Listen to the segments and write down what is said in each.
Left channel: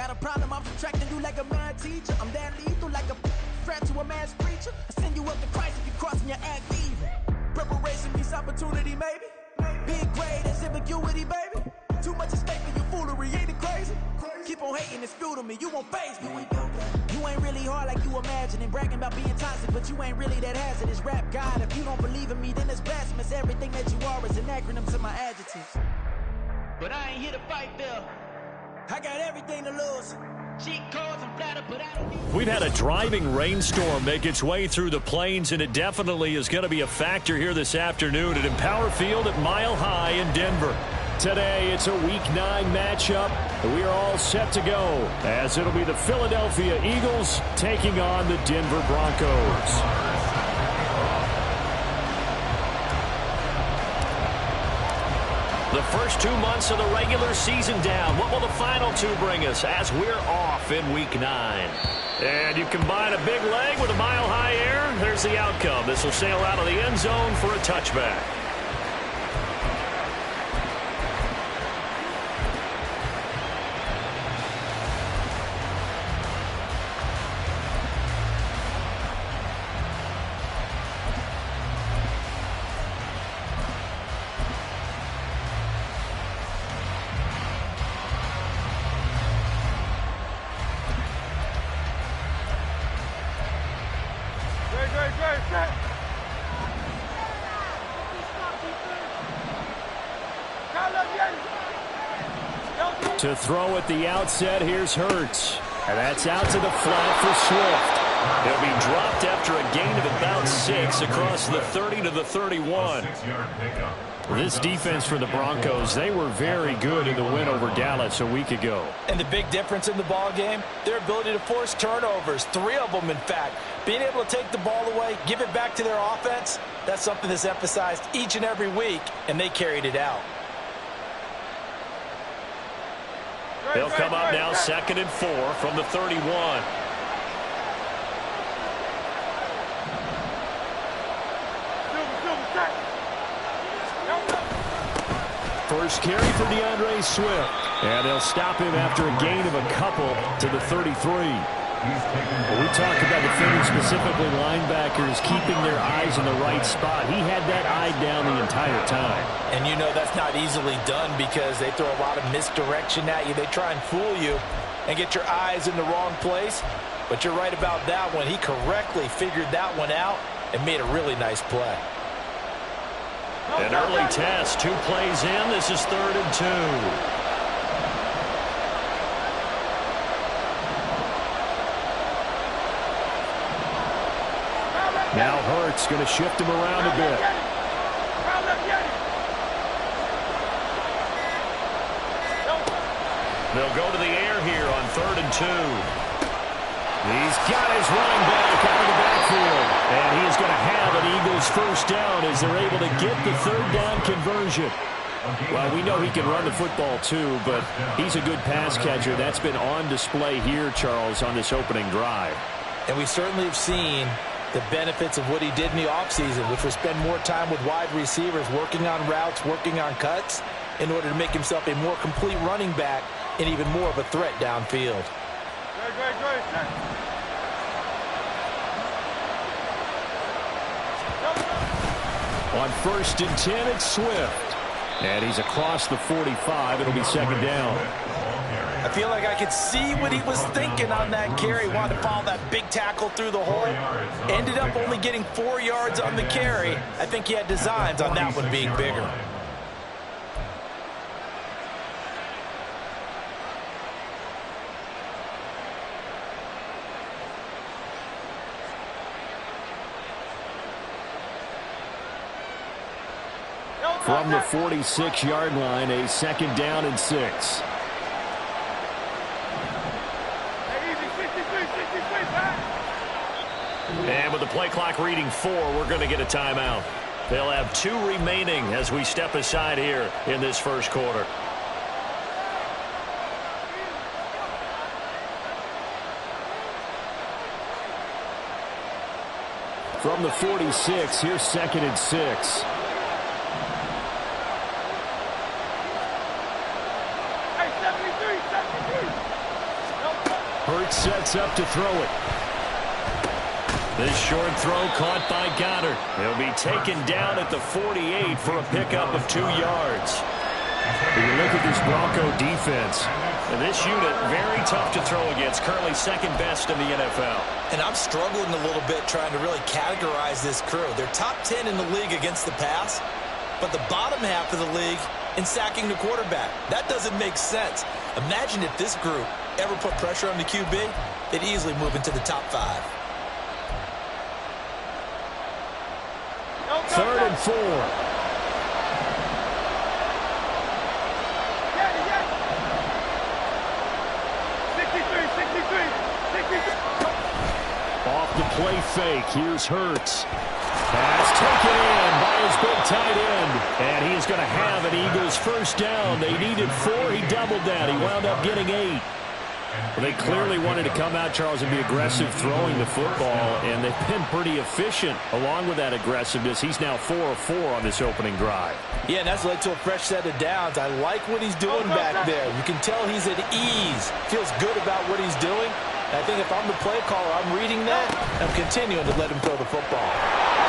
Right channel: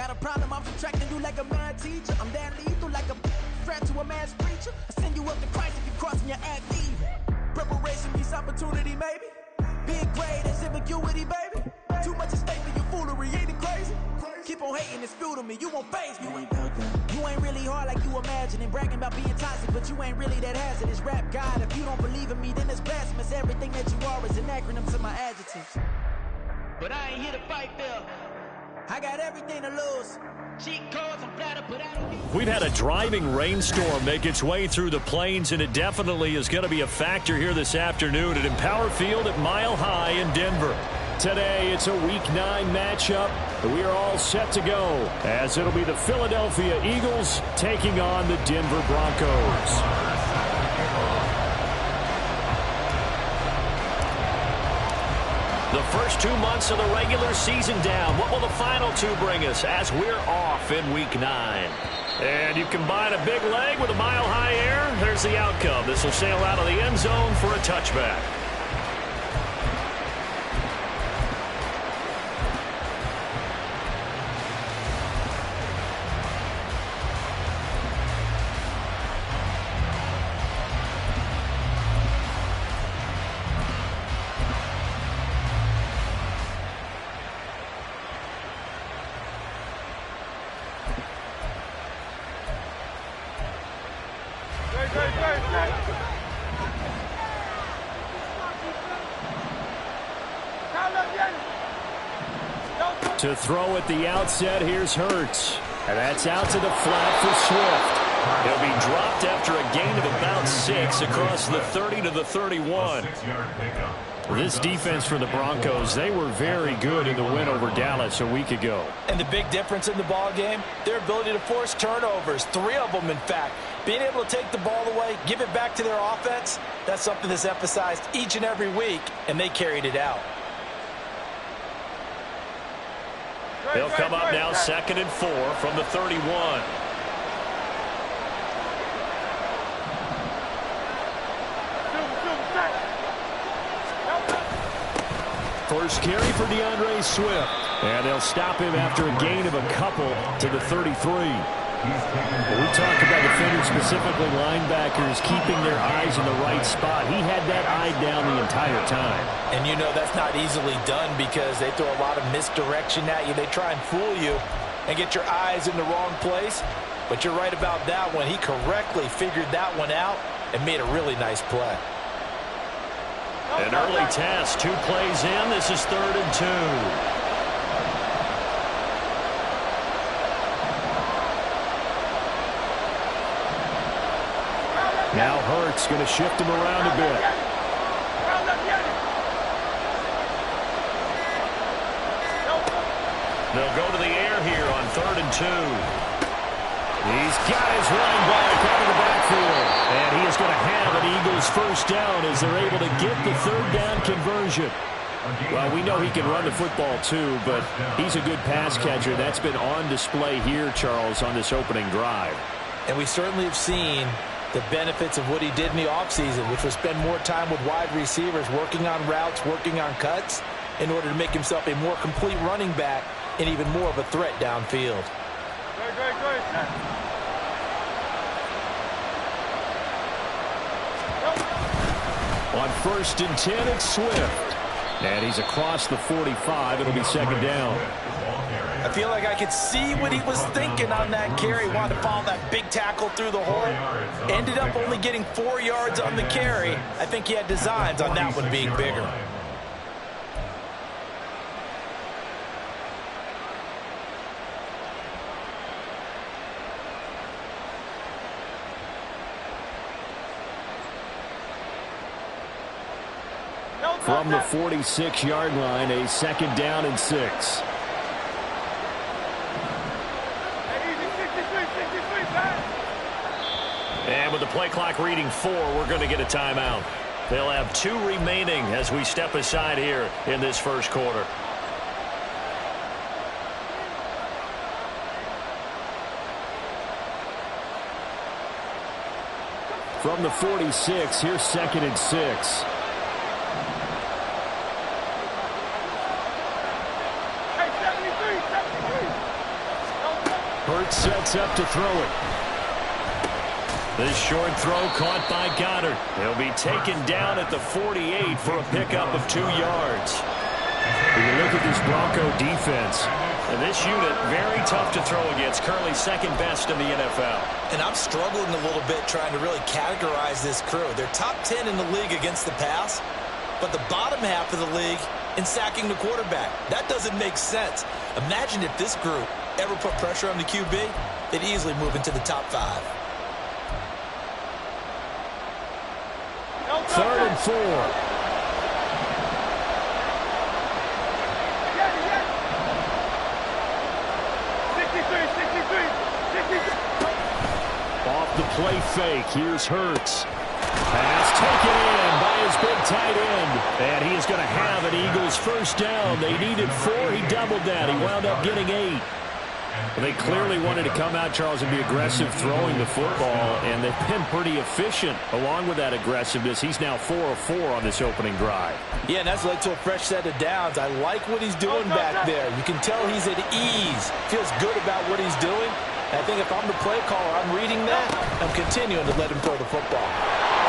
Got a problem, I'm subtracting you like a mad teacher. I'm that lethal like a threat to a mass preacher. I send you up to Christ if you're crossing your act evil. Preparation meets opportunity, maybe. Big grade, that's ambiguity, baby. Too much at stake for your foolery, ain't it crazy? Keep on hating, it's fuel to me, you won't faze me. You ain't really hard like you imagining. Bragging about being toxic, but you ain't really that hazardous. Rap God, if you don't believe in me, then it's blasphemous. Everything that you are is an acronym to my adjectives. But I ain't here to fight, Phil. I got everything to lose. Cheat codes and flatter, but I don't need... We've had a driving rainstorm make its way through the plains, and it definitely is going to be a factor here this afternoon at Empower Field at Mile High in Denver. Today, it's a Week 9 matchup. We are all set to go, as it'll be the Philadelphia Eagles taking on the Denver Broncos. The first 2 months of the regular season down. What will the final 2 bring us as we're off in Week 9? And you combine a big leg with a mile-high air, there's the outcome. This will sail out of the end zone for a touchback. To throw at the outset, here's Hurts. And that's out to the flat for Swift. He'll be dropped after a gain of about 6 across the 30 to the 31. This defense for the Broncos, they were very good in the win over Dallas a week ago. And the big difference in the ball game, their ability to force turnovers, 3 of them in fact. Being able to take the ball away, give it back to their offense, that's something that's emphasized each and every week, and they carried it out. They'll come up now 2nd and 4 from the 31. First carry for DeAndre Swift. And they'll stop him after a gain of a couple to the 33. When we talk about defenders, specifically linebackers, keeping their eyes in the right spot, he had that eye down the entire time. And you know that's not easily done because they throw a lot of misdirection at you. They try and fool you and get your eyes in the wrong place. But you're right about that one. He correctly figured that one out and made a really nice play. An early test, 2 plays in. This is 3rd and 2. Now Hurts going to shift him around a bit. They'll go to the air here on 3rd and 2. He's got his running back out of the backfield. And he is going to have an Eagles first down as they're able to get the 3rd down conversion. Well, we know he can run the football too, but he's a good pass catcher. That's been on display here, Charles, on this opening drive. And we certainly have seen the benefits of what he did in the offseason, which was spend more time with wide receivers, working on routes, working on cuts, in order to make himself a more complete running back and even more of a threat downfield. On 1st and 10, it's Swift. And he's across the 45. It'll be 2nd down. I feel like I could see what he was thinking on that carry. Wanted to follow that big tackle through the hole. Ended up only getting 4 yards on the carry. I think he had designs on that one being bigger. From the 46-yard line, a 2nd down and 6. And with the play clock reading 4, we're going to get a timeout. They'll have 2 remaining as we step aside here in this first quarter. From the 46, here's 2nd and 6. Hurts sets up to throw it. This short throw caught by Goddard. He'll be taken down at the 48 for a pickup of 2 yards. When you look at this Bronco defense, and this unit, very tough to throw against, currently second best in the NFL. And I'm struggling a little bit trying to really categorize this crew. They're top 10 in the league against the pass, but the bottom half of the league in sacking the quarterback. That doesn't make sense. Imagine if this group ever put pressure on the QB, they'd easily move into the top 5. 3rd and 4. Off the play fake. Here's Hurts. Pass taken in by his big tight end. And he is going to have an Eagles first down. They needed 4. He doubled that. He wound up getting 8. Well, they clearly wanted to come out, Charles, and be aggressive throwing the football, and they've been pretty efficient along with that aggressiveness. He's now 4 of 4 on this opening drive. Yeah, and that's led to a fresh set of downs. I like what he's doing back there. You can tell he's at ease, feels good about what he's doing. And I think if I'm the play caller, I'm reading that, I'm continuing to let him throw the football.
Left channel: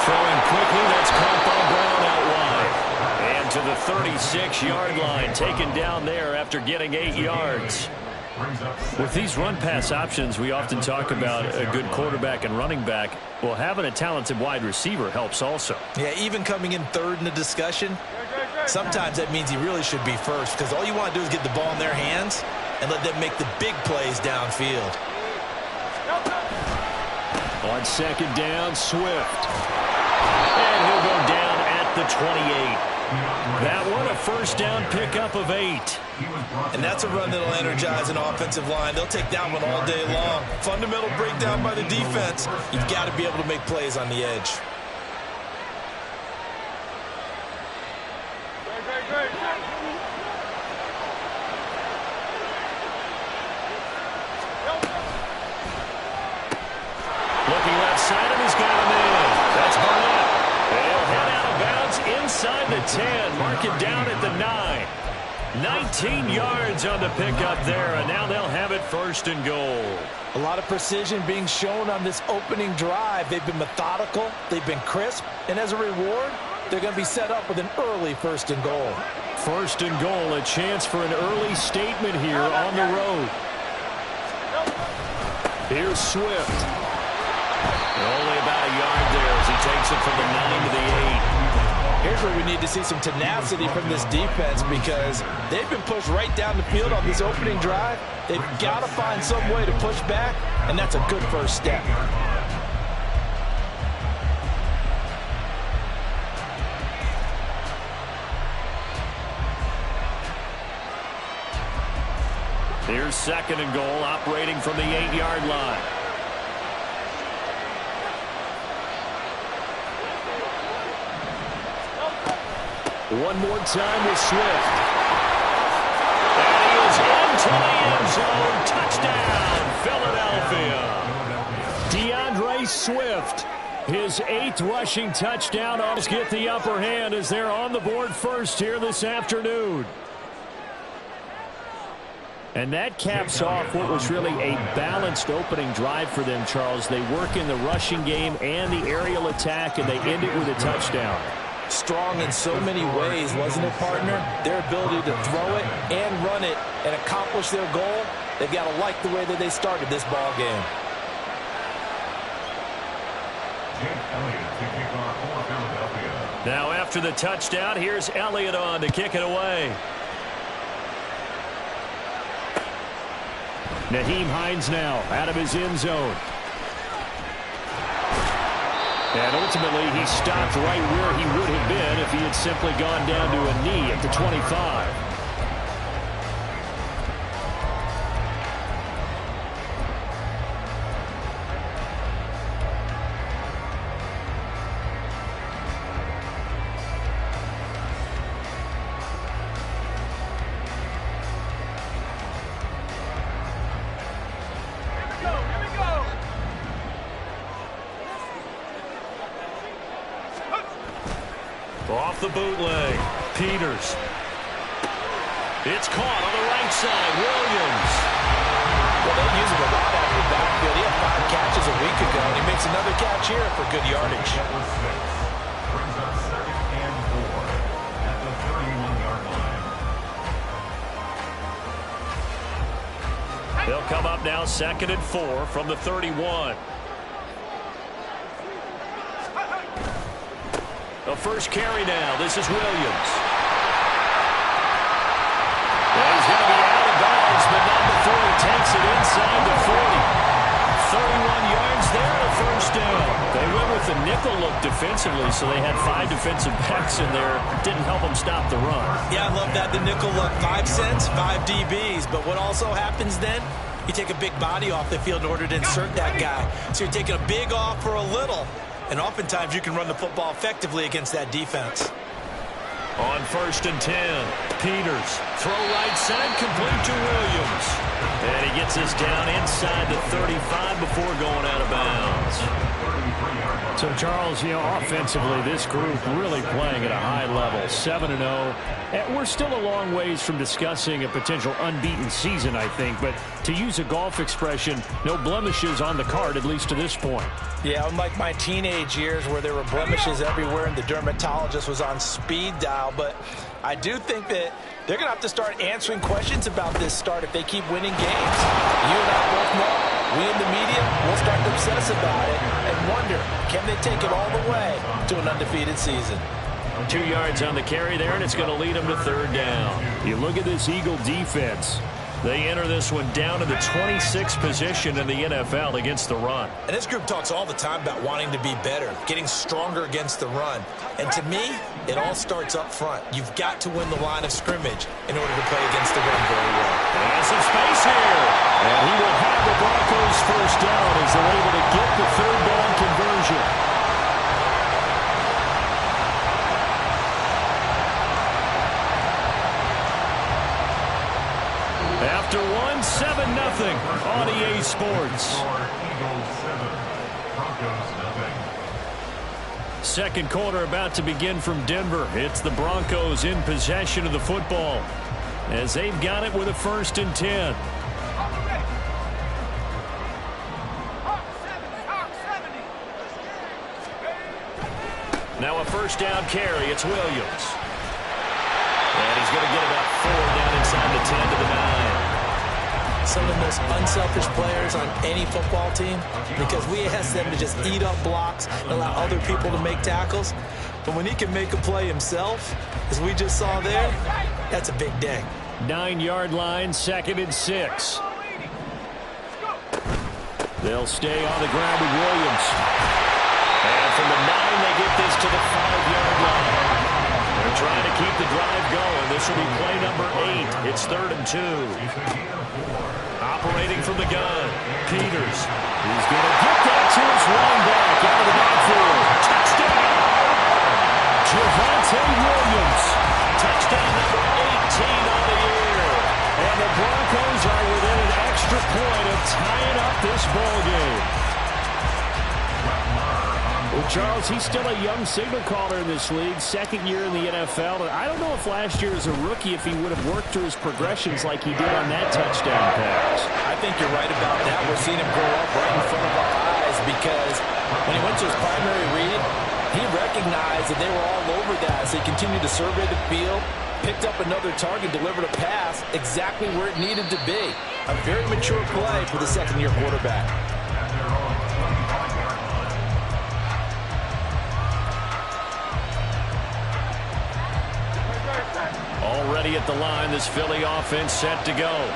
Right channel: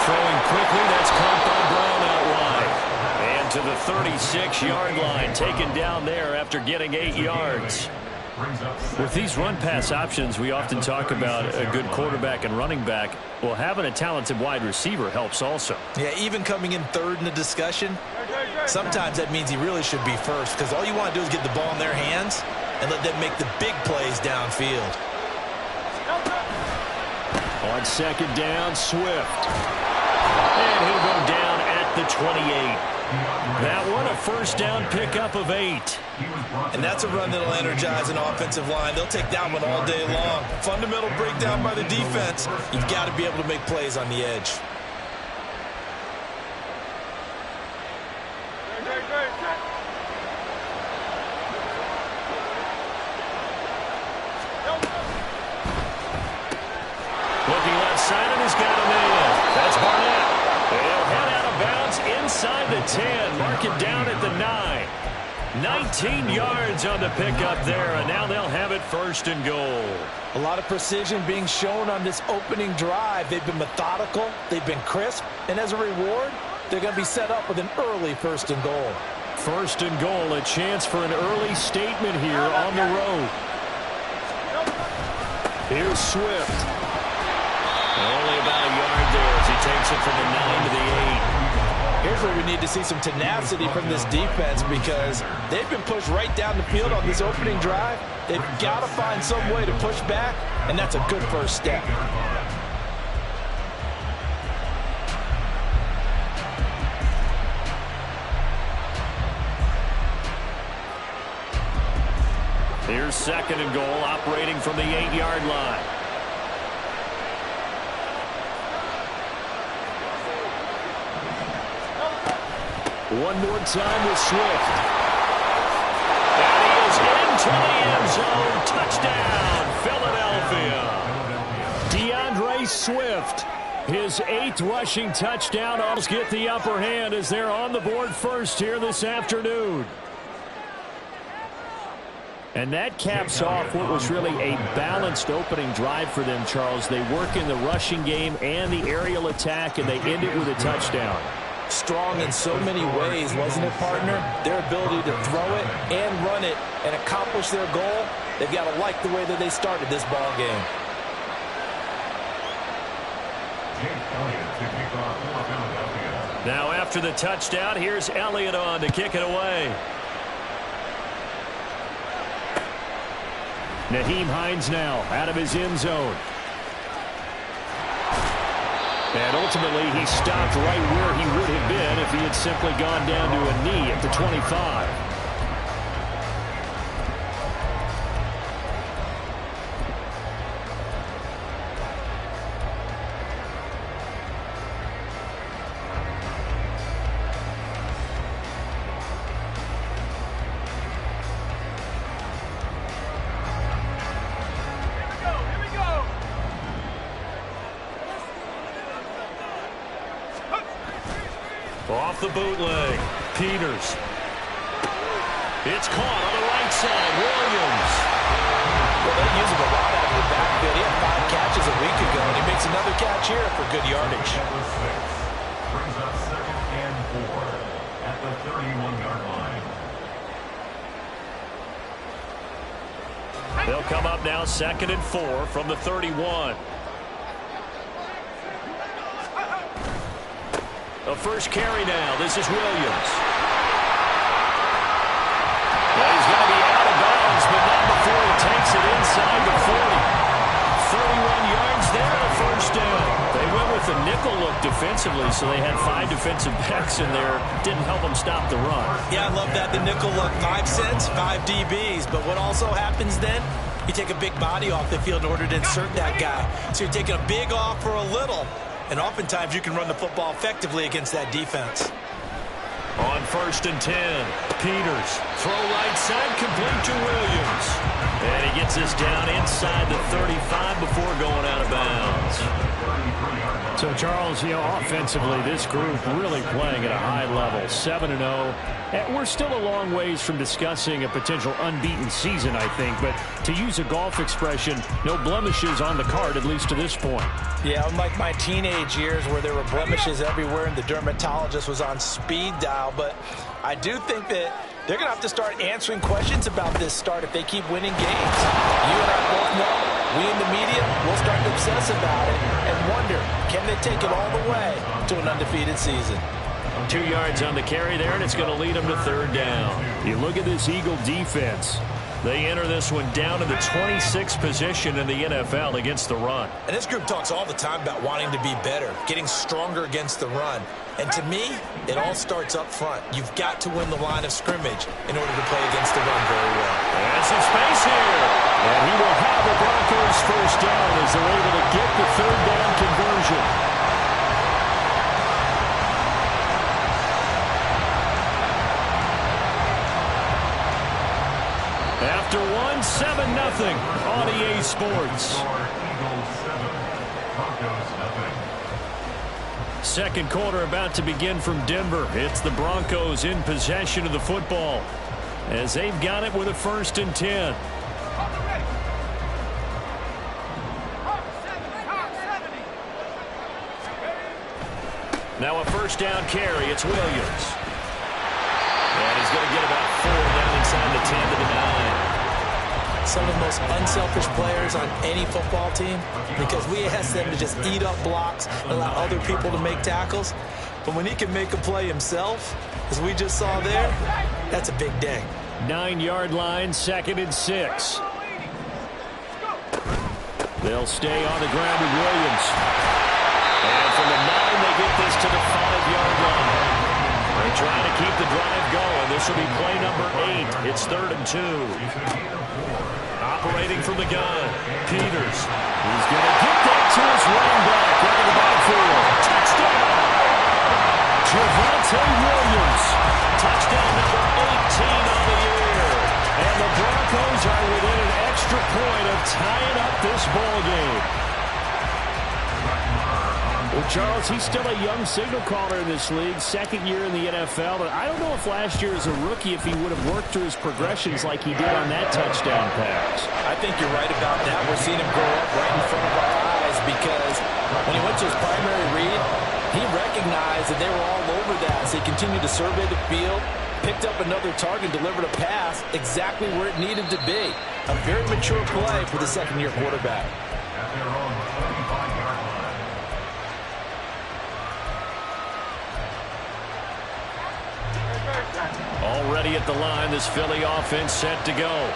Throwing quickly, that's caught by Brown out wide. And to the 36-yard line, taken down there after getting 8 yards. With these run-pass options, we often talk about a good quarterback and running back. Well, having a talented wide receiver helps also. Yeah, even coming in 3rd in the discussion, sometimes that means he really should be first, because all you want to do is get the ball in their hands and let them make the big plays downfield. On 2nd down, Swift. And he'll go down at the 28. That one a first down pickup of 8. And that's a run that'll energize an offensive line. They'll take that one all day long. Fundamental breakdown by the defense. You've got to be able to make plays on the edge. Looking left side, and he's got him in. That's Barnett. They'll head out of bounds inside the 10. Mark it down at the 9. 19 yards on the pickup there, and now they'll have it 1st and goal. A lot of precision being shown on this opening drive. They've been methodical. They've been crisp. And as a reward, they're going to be set up with an early 1st and goal. 1st and goal, a chance for an early statement here on the road. Here's Swift. And only about a yard there as he takes it from the 9 to the 8. Here's where we need to see some tenacity from this defense, because they've been pushed right down the field on this opening drive. They've got to find some way to push back, and that's a good first step. Here's 2nd and goal, operating from the 8-yard line. One more time with Swift. And he is into the end zone. Touchdown, Philadelphia. DeAndre Swift, his 8th rushing touchdown. Almost get the upper hand as they're on the board first here this afternoon. And that caps off what was really a balanced opening drive for them, Charles. They work in the rushing game and the aerial attack, and they end it with a touchdown. Strong in so many ways, wasn't it, partner? Their ability to throw it and run it and accomplish their goal, they've got to like the way that they started this ball game. Now after the touchdown, here's Elliott on to kick it away. Nyheim Hines now out of his end zone. And ultimately, he stopped right where he would have been if he had simply gone down to a knee at the 25. Off the bootleg, Peters. It's caught on the right side, Williams. Well, they use him a lot week ago, and he makes another catch here for good yardage. Brings up 2nd and 4 at the 31-yard line. They'll come up now 2nd and 4 from the 31. The first carry now. This is Williams. Well, he's going to be out of bounds, but not before he takes it inside the 40. 31 yards there and a first down. They went with the nickel look defensively, so they had 5 defensive backs in there. Didn't help them stop the run. Yeah, I love that. The nickel look, 5 cents, 5 DBs. But what also happens then, you take a big body off the field in order to insert that guy. So you're taking a big off for a little. And oftentimes you can run the football effectively against that defense. On 1st and 10, Peters. Throw right side, complete to Williams. And he gets us down inside the 35 before going out of bounds. So, Charles, offensively, this group really playing at a high level, 7-0. We're still a long ways from discussing a potential unbeaten season, I think. But to use a golf expression, no blemishes on the card, at least to this point. Yeah, unlike my teenage years where there were blemishes everywhere and the dermatologist was on speed dial. But I do think that they're going to have to start answering questions about this start if they keep winning games. You and I both know, we in the media will start to obsess about it and wonder, can they take it all the way to an undefeated season? 2 yards on the carry there, and it's going to lead them to 3rd down. You look at this Eagle defense. They enter this one down to the 26th position in the NFL against the run. And this group talks all the time about wanting to be better, getting stronger against the run. And to me, it all starts up front. You've got to win the line of scrimmage in order to play against the run very well. And some space here. And he will have the Broncos first down as they're able to get the 3rd down conversion. After 7-0 on EA Sports. Eagles 7, Broncos nothing. Second quarter about to begin from Denver. It's the Broncos in possession of the football as they've got it with a 1st and 10. Now a first down carry. It's Williams. And he's going to get about 4 down inside the 10 to the 9. Some of the most unselfish players on any football team, because we ask them to just eat up blocks and allow other people to make tackles. But when he can make a play himself, as we just saw there, that's a big day. 9-yard line, 2nd and 6. They'll stay on the ground with Williams. And from the 9, they get this to the 5-yard line. They're trying to keep the drive going. This will be play number 8. It's 3rd and 2. Operating from the gun, Peters. He's going to get that to his running back out of the backfield. Touchdown! Javonte Williams. Touchdown number 18 on the year. And the Broncos are within an extra point of tying up this ball game. Well, Charles, he's still a young signal caller in this league, 2nd year in the NFL. And I don't know if last year as a rookie if he would have worked through his progressions like he did on that touchdown pass. I think you're right about that. We're seeing him grow up right in front of our eyes because when he went to his primary read, he recognized that they were all over that. So he continued to survey the field, picked up another target, delivered a pass exactly where it needed to be. A very mature play for the 2nd-year quarterback. At their own 25-yard line. Already at the line, this Philly offense set to go.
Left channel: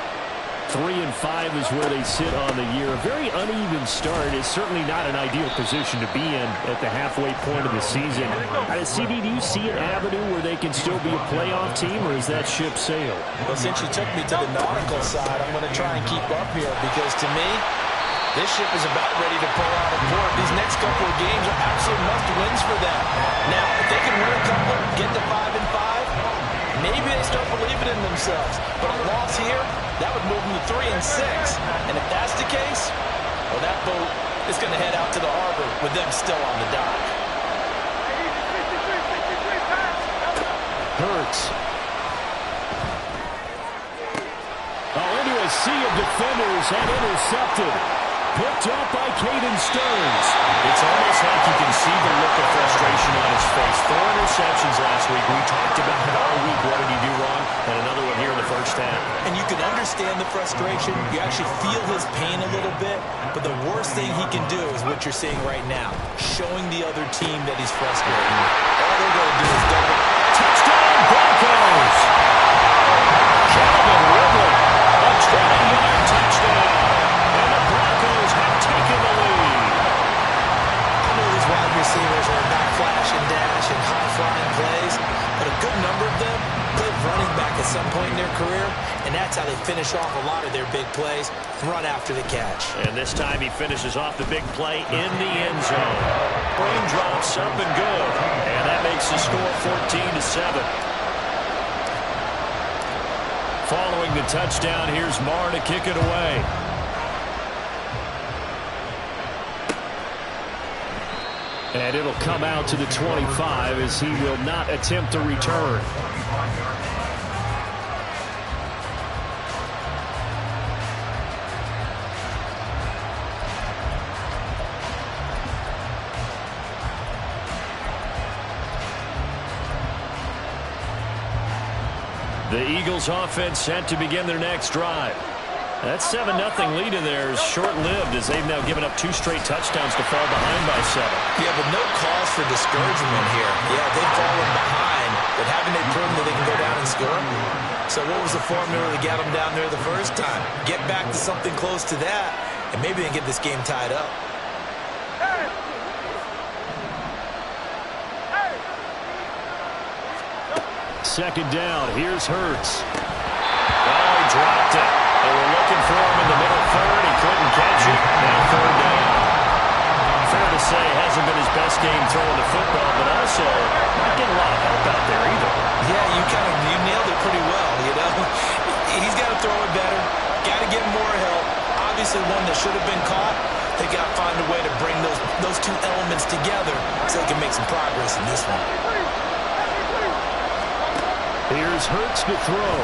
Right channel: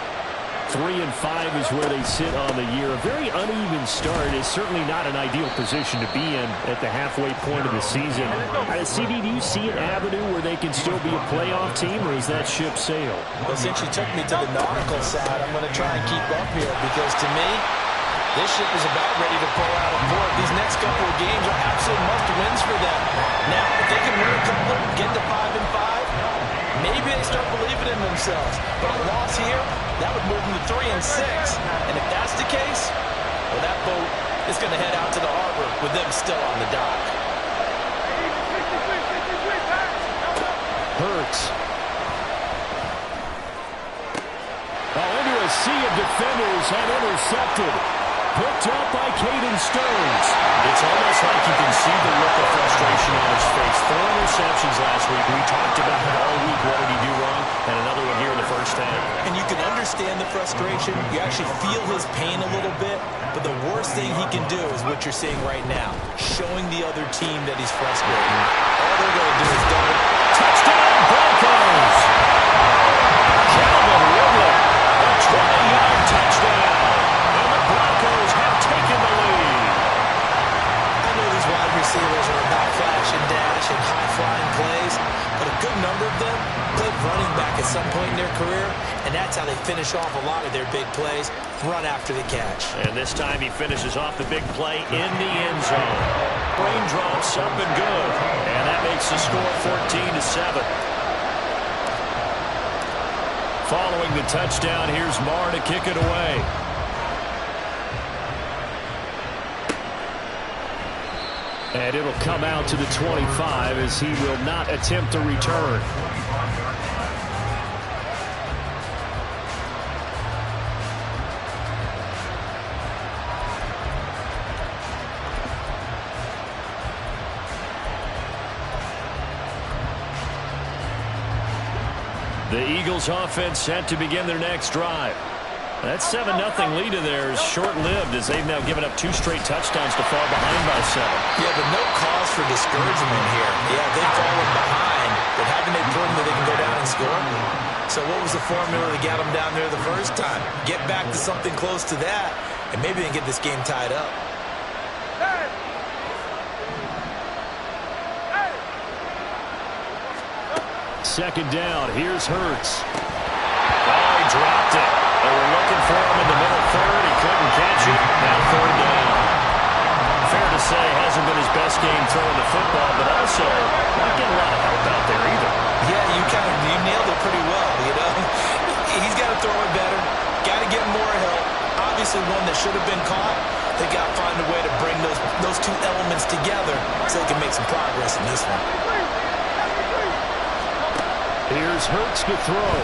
3-5 is where they sit on the year. A very uneven start is certainly not an ideal position to be in at the halfway point of the season. CD, do you see an avenue where they can still be a playoff team, or is that ship sailed? Well, since you took me to the nautical side, I'm going to try and keep up here because to me, this ship is about ready to pull out of port. These next couple of games are absolute must-wins for them. Now, if they can win a couple, get to 5-5, maybe they start believing in themselves. But a loss here, that would move them to 3-6. And if that's the case, well, that boat is going to head out to the harbor with them still on the dock. Hurts. Oh, into a sea of defenders and intercepted. picked up by Caden Stearns. It's almost like you can see the look of frustration on his face. 4 interceptions last week. We talked about it all week. What did he do wrong? And another one here in the first half. And you can understand the frustration. You actually feel his pain a little bit. But the worst thing he can do is what you're seeing right now, showing the other team that he's frustrated. All they're going to do is double. Touchdown, Broncos! Calvin Ridley, a 20-yard touchdown. And the Broncos have taken the lead. I know these wide receivers are about flash and dash and high-flying plays, but a good number of them played running back at some point in their career, and that's how they finish off a lot of their big plays, run after the catch. And this time he finishes off the big play in the end zone. Raindrops up and good, and that makes the score 14-7. Following the touchdown, here's Marr to kick it away. And it'll come out to the 25 as he will not attempt to return. The Eagles offense set to begin their next drive. That 7-0 lead of theirs short-lived as they've now given up 2 straight touchdowns to fall behind by 7. Yeah, but no cause for discouragement here. Yeah, they've fallen behind, but haven't they proven that they can go down and score? So what was the formula to get them down there the first time? Get back to something close to that, and maybe they can get this game tied up. Second down, here's Hurts. Oh, he dropped it. They were looking for him in the middle third. He couldn't catch it. Now 3rd down. Fair to say, hasn't been his best game throwing the football, but also not getting a lot of help out there either. Yeah, you nailed it pretty well, you know. He's got to throw it better. Got to get more help. Obviously one that should have been caught. They got to find a way to bring those 2 elements together so they can make some progress in this one. Here's Hurts to throw.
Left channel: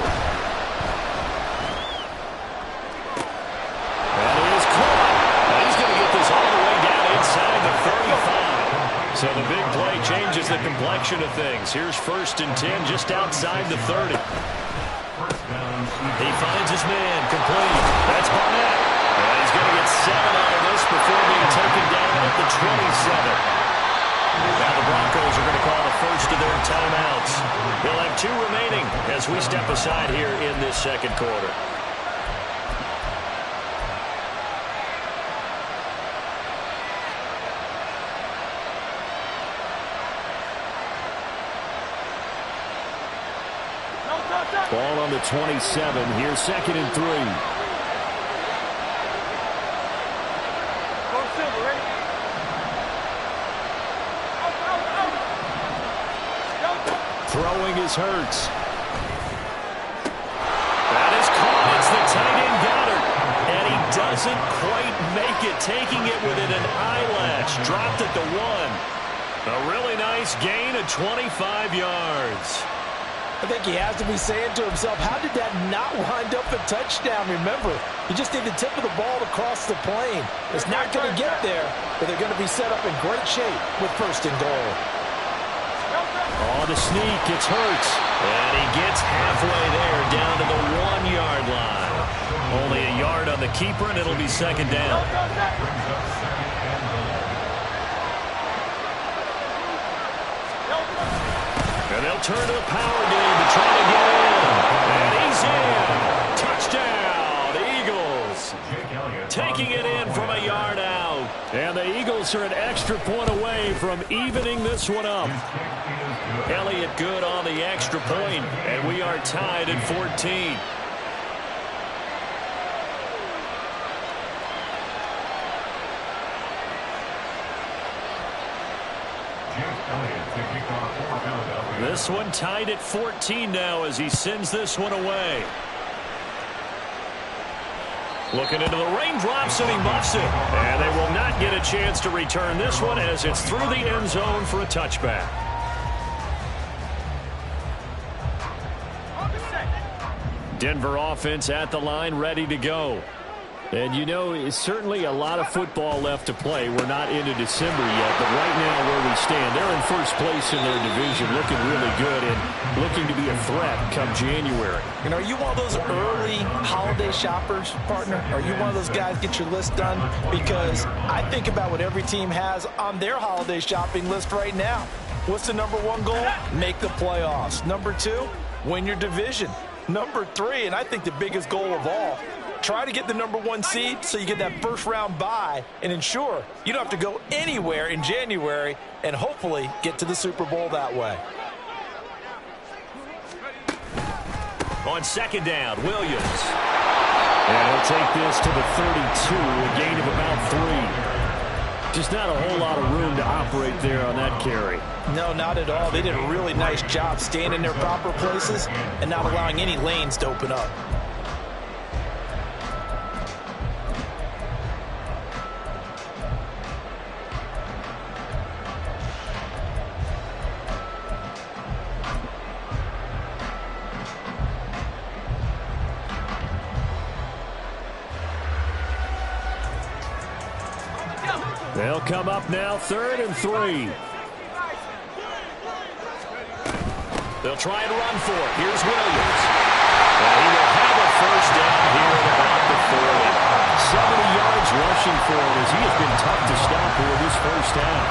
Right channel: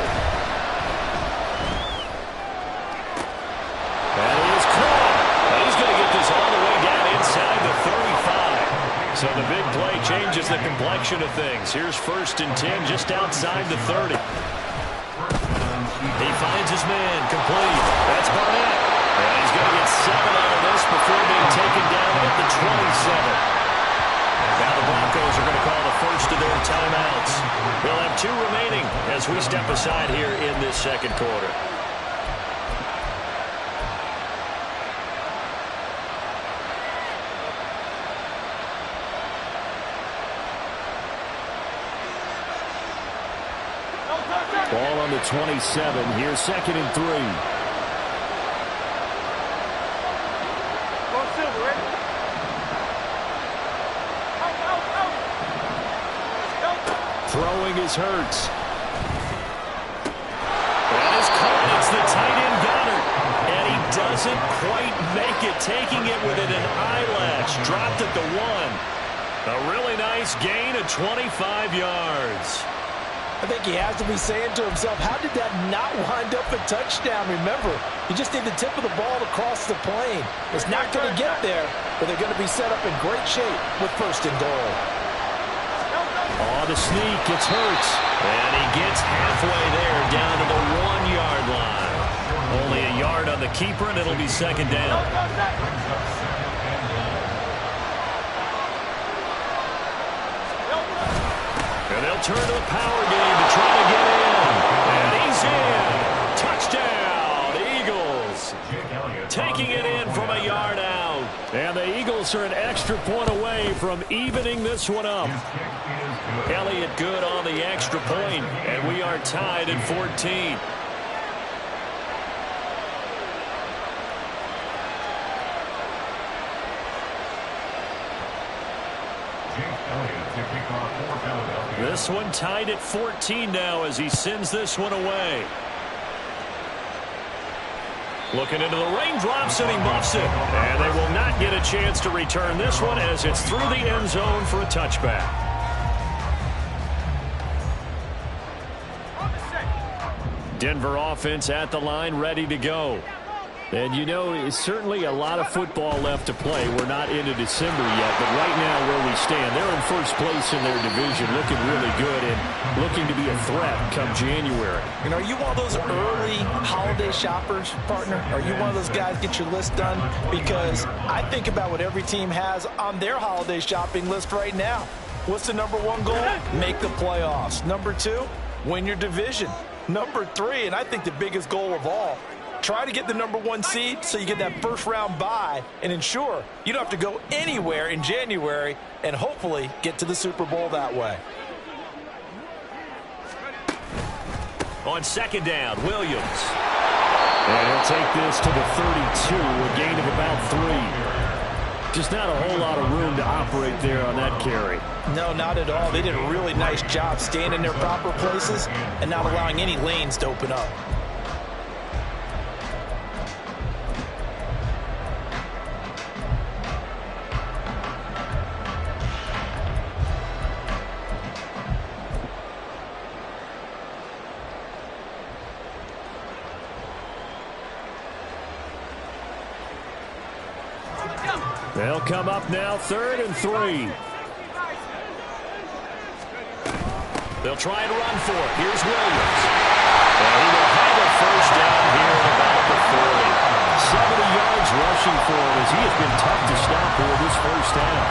That is caught. He's going to get this all the way down inside the 35. So the big play changes the complexion of things. Here's 1st and 10 just outside the 30. He finds his man complete. That's Barnett. And he's going to get 7 out of this before being taken down at the 27. Now the Broncos are going to call the first of their timeouts. They'll have 2 remaining as we step aside here in this second quarter. Ball on the 27. Here's 2nd and 3. Go Silver, ready? Throwing is Hurts. That is caught. It's the tight end Goddard. And he doesn't quite make it, taking it within an eyelash. Dropped at the 1. A really nice gain of 25 yards. I think he has to be saying to himself, how did that not wind up a touchdown? Remember, you just need the tip of the ball to cross the plane. It's not going to get there, but they're going to be set up in great shape with 1st and goal. Oh, the sneak. It's Hurts. And he gets halfway there down to the 1-yard line. Only a yard on the keeper, and it'll be 2nd down. And they'll turn to the power game to try to get in. And he's in. Touchdown, Eagles. Taking it in from a yard out. And the Eagles are an extra point away from evening this one up. Elliott good on the extra point, and we are tied at 14. This one tied at 14 now as he sends this one away. Looking into the raindrops, and he muffs it. And they will not get a chance to return this one as it's through the end zone for a touchback. Denver offense at the line, ready to go. And, you know, it's certainly a lot of football left to play. We're not into December yet, but right now where we stand, they're in first place in their division, looking really good and looking to be a threat come January. And are you one of those early holiday shoppers, partner? Are you one of those guys get your list done? Because I think about what every team has on their holiday shopping list right now. What's the number one goal? Make the playoffs. Number two, win your division. Number three, and I think the biggest goal of all, try to get the number one seed so you get that first round bye and ensure you don't have to go anywhere in January and hopefully get to the Super Bowl that way. On second down, Williams. And he'll take this to the 32, a gain of about 3. Just not a whole lot of room to operate there on that carry. No, not at all. They did a really nice job staying in their proper places and not allowing any lanes to open up. They'll come up now, 3rd and 3. They'll try and run for it. Here's Williams. And he will have a first down here at about the 40. 70 yards rushing for him as he has been tough to stop here this first half.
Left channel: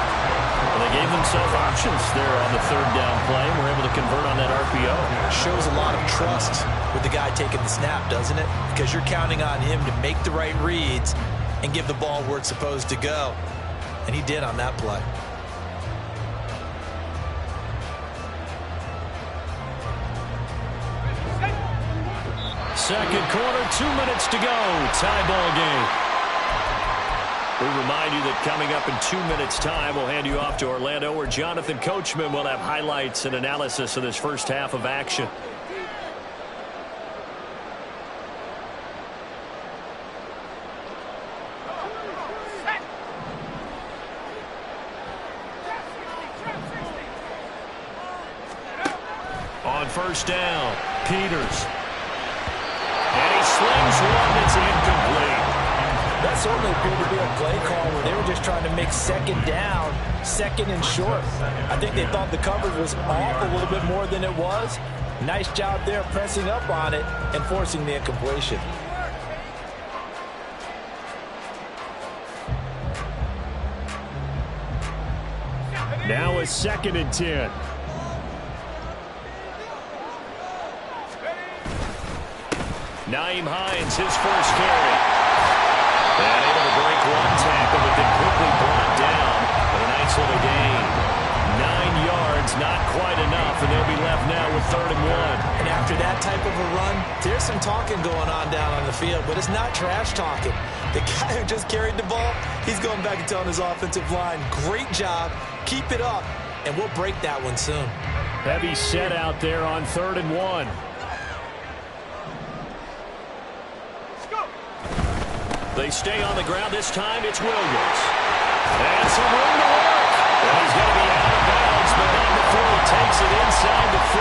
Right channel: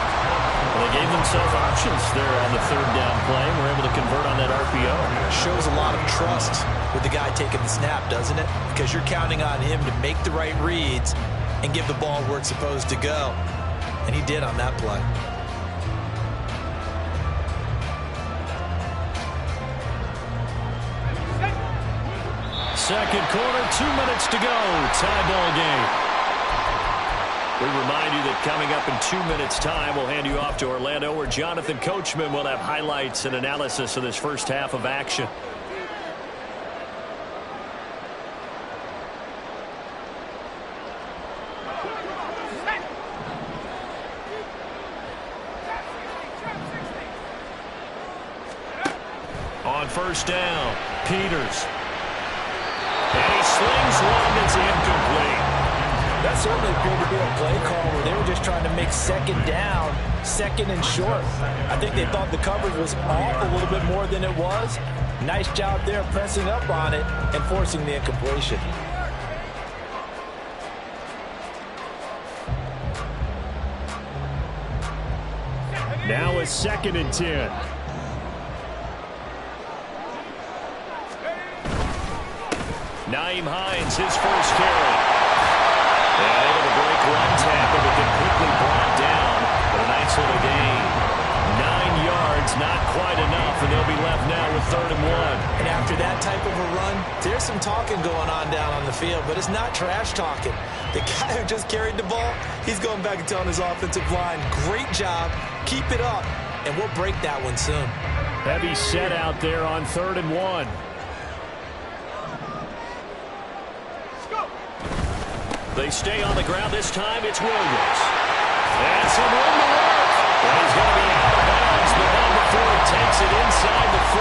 Well, they gave themselves options there on the 3rd down play and were able to convert on that RPO. Shows a lot of trust with the guy taking the snap, doesn't it? Because you're counting on him to make the right reads and give the ball where it's supposed to go. And he did on that play. Second quarter, 2 minutes to go. Tie ball game. We remind you that coming up in 2 minutes' time, we'll hand you off to Orlando, where Jonathan Coachman will have highlights and analysis of this first half of action. On first down, Peters. And he slings one that's incomplete. That certainly appeared to be a play call where they were just trying to make second down, second and short. I think they thought the coverage was off a little bit more than it was. Nice job there pressing up on it and forcing the incompletion. Now a 2nd and 10. Naeem Hines, his first carry. And able to break one tackle, but then quickly brought down. But a nice little gain. 9 yards, not quite enough, and they'll be left now with 3rd and 1. And after that type of a run, there's some talking going on down on the field, but it's not trash talking. The guy who just carried the ball, he's going back and telling his offensive line, great job, keep it up, and we'll break that one soon. Heavy set out there on 3rd and 1. They stay on the ground. This time it's Williams. And some room to work. And he's going to be out of bounds, but not before he takes it inside the 40.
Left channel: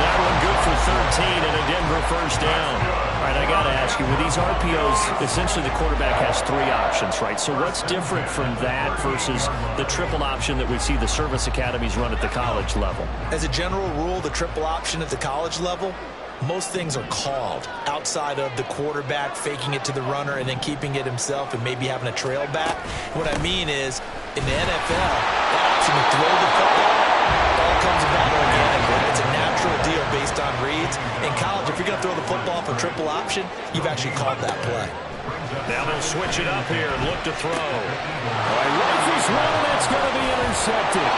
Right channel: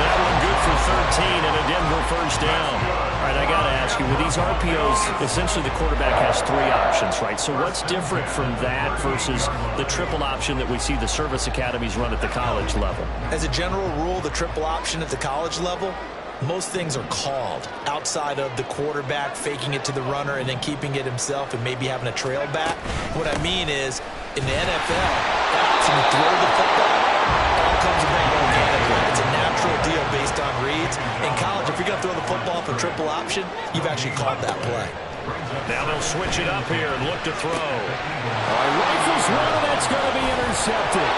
That one good for 13 and a Denver first down. All right, I got to ask you, with these RPOs, essentially the quarterback has 3 options, right? So what's different from that versus the triple option that we see the service academies run at the college level? As a general rule, the triple option at the college level, most things are called outside of the quarterback faking it to the runner and then keeping it himself and maybe having a trail back. What I mean is, in the NFL, that option to throw the football all comes about organically. It's a natural deal based on reads. In college, if you're going to throw the football for triple option, you've actually called that play. Now they'll switch it up here and look to throw. All right, rifles one, and that's going to be intercepted.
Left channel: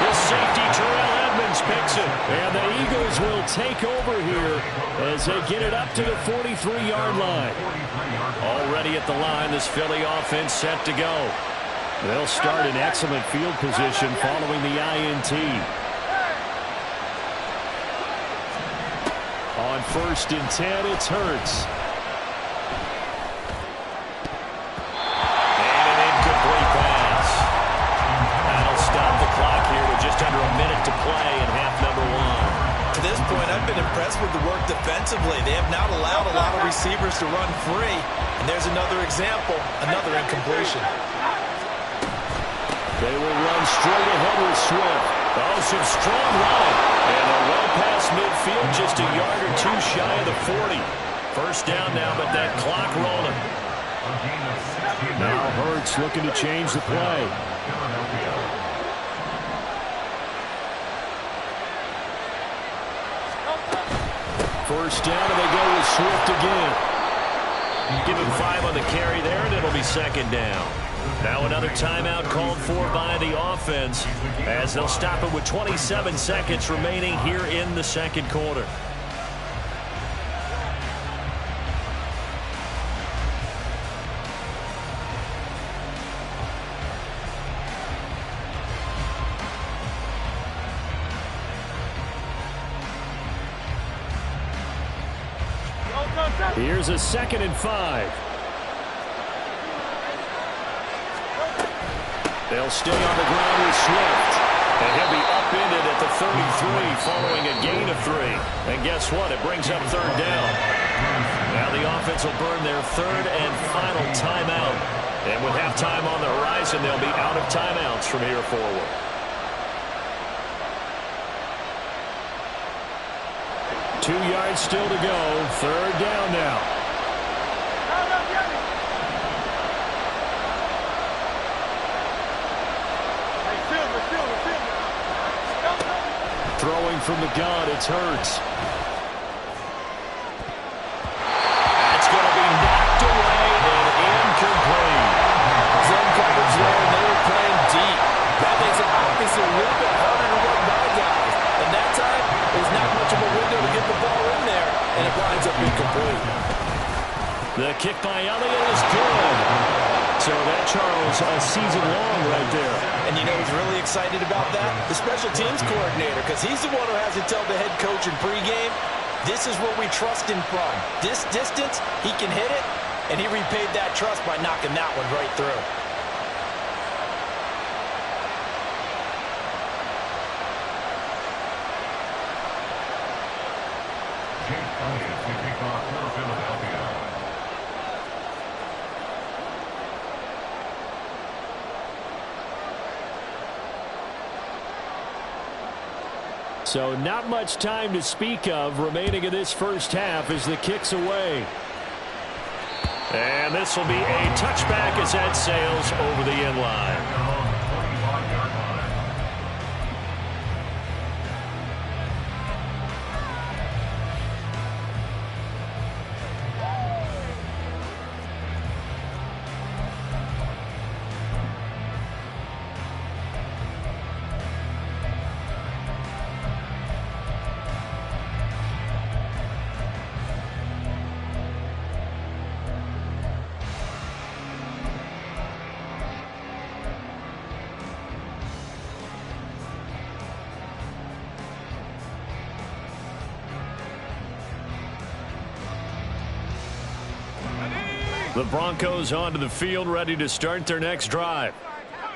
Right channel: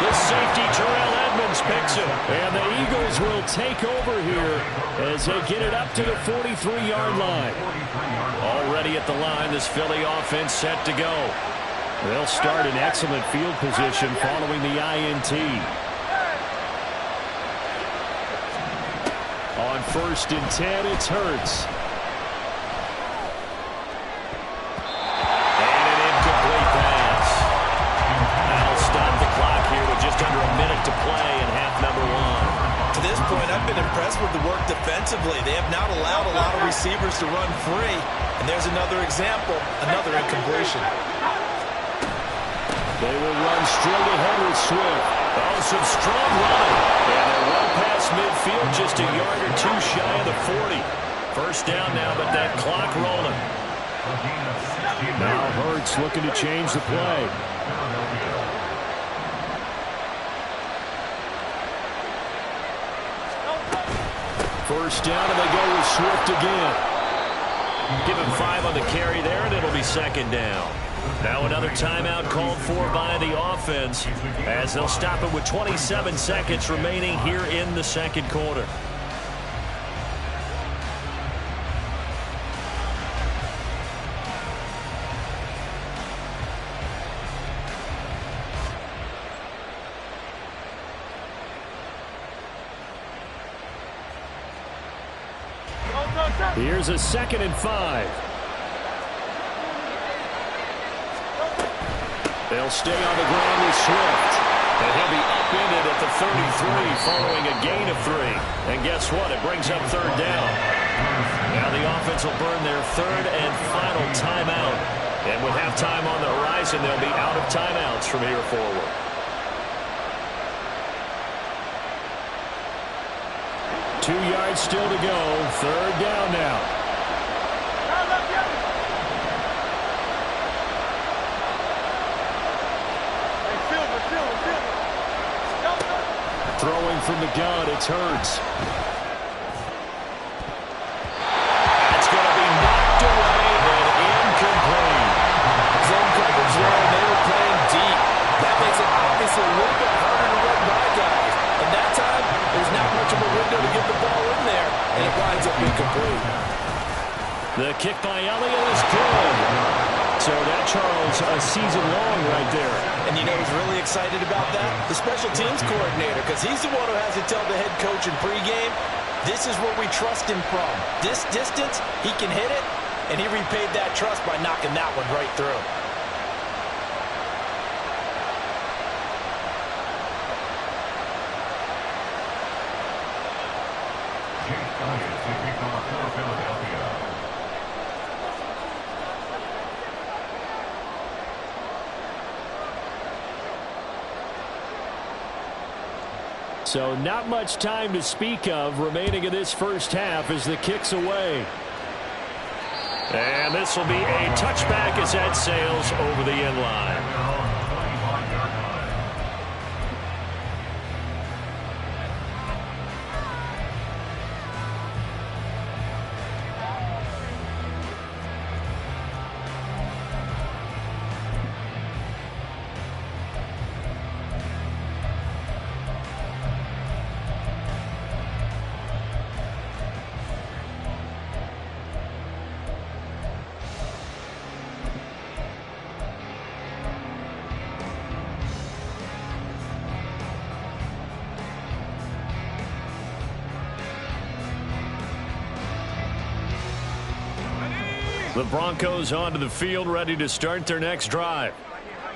The safety, Terrell Edmunds, picks it. And the Eagles will take over here as they get it up to the 43-yard line. Already at the line, this Philly offense set to go. They'll start in excellent field position following the INT. On 1st and 10, it's Hurts. And an incomplete pass. That'll stop the clock here with just under a minute to play in half number 1. To this point, and I've been impressed with the work defensively. They have not allowed a lot of receivers to run free. And there's another example, another incompletion. They will run straight ahead with Swift. Oh, some strong running. And they're well past midfield, just a yard or two shy of the 40. First down now, but that clock rolling. Now Hurts looking to change the play. First down, and they go with Swift again. Give him 5 on the carry there, and it'll be second down. Now another timeout called for by the offense as they'll stop it with 27 seconds remaining here in the second quarter. Here's a 2nd and 5. They'll stay on the ground with Swift. And he'll be upended at the 33 following a gain of 3. And guess what? It brings up third down. Now the offense will burn their third and final timeout. And with halftime on the horizon, they'll be out of timeouts from here forward. Two yards still to go. Third down now. Throwing from the gun, it's Hurts. That's going to be knocked away and incomplete. Zone coverage there, and they were playing deep. That makes it obviously a little bit harder to run by guys. And that time, there's not much of a window to get the ball in there, and it winds up incomplete. The kick by Elliott is good. So that, Charles, a season long right there. And you know who's really excited about that? The special teams coordinator, because he's the one who has to tell the head coach in pregame, this is where we trust him from. This distance, he can hit it, and he repaid that trust by knocking that one right through. Chase Elliott to kick off for Philadelphia. So not much time to speak of remaining in this first half as the kick's away. And this will be a touchback as that sails over the end line. The Broncos onto the field, ready to start their next drive.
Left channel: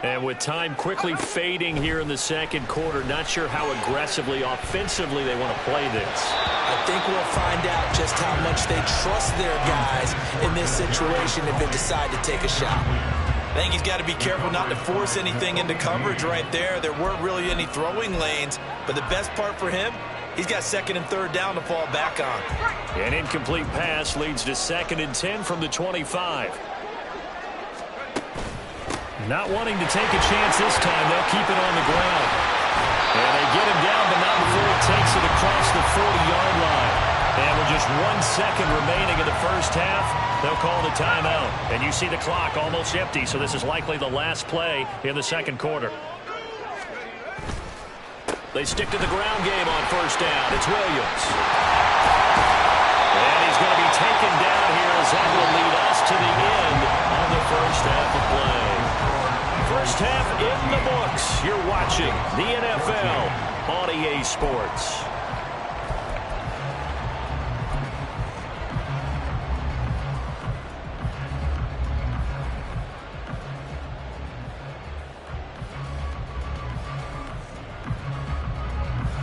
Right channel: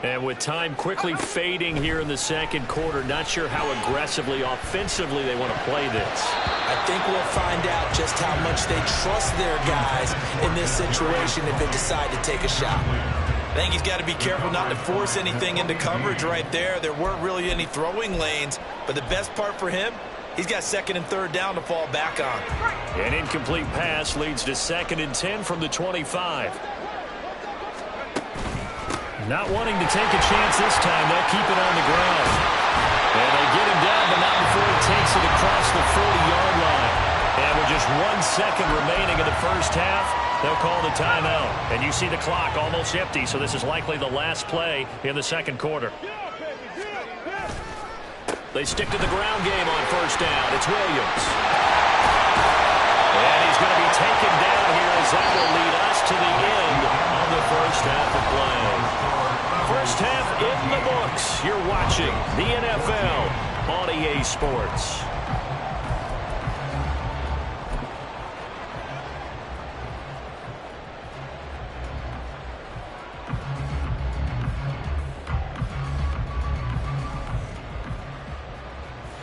And with time quickly fading here in the second quarter, not sure how aggressively, offensively they want to play this. I think we'll find out just how much they trust their guys in this situation if they decide to take a shot. I think he's got to be careful not to force anything into coverage right there. There weren't really any throwing lanes, but the best part for him, he's got second and third down to fall back on. An incomplete pass leads to 2nd and 10 from the 25. Not wanting to take a chance this time, they'll keep it on the ground. And they get him down, but not before he takes it across the 40-yard line. And with just 1 second remaining in the first half, they'll call the timeout. And you see the clock almost empty, so this is likely the last play in the second quarter. They stick to the ground game on first down. It's Williams. And he's going to be taken down here as that will lead us to the end of the first half of play. First half in the books. You're watching the NFL on EA Sports.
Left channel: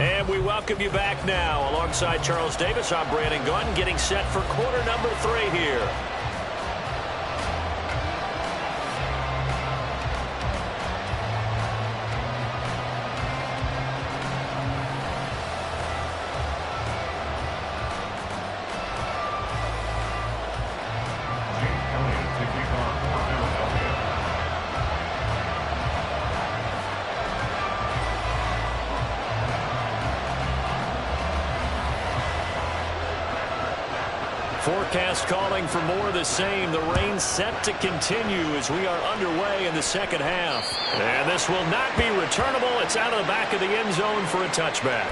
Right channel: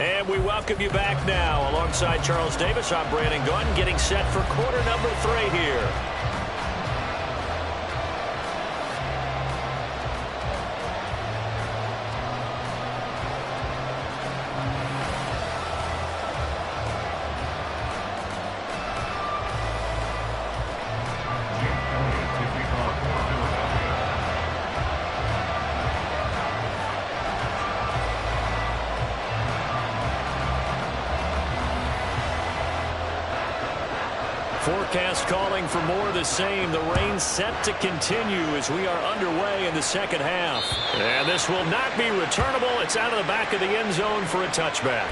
And we welcome you back now. Alongside Charles Davis, I'm Brandon Gaudin, getting set for quarter number 3 here. Forecast calling for more of the same. The rain set to continue as we are underway in the second half. And this will not be returnable. It's out of the back of the end zone for a touchback.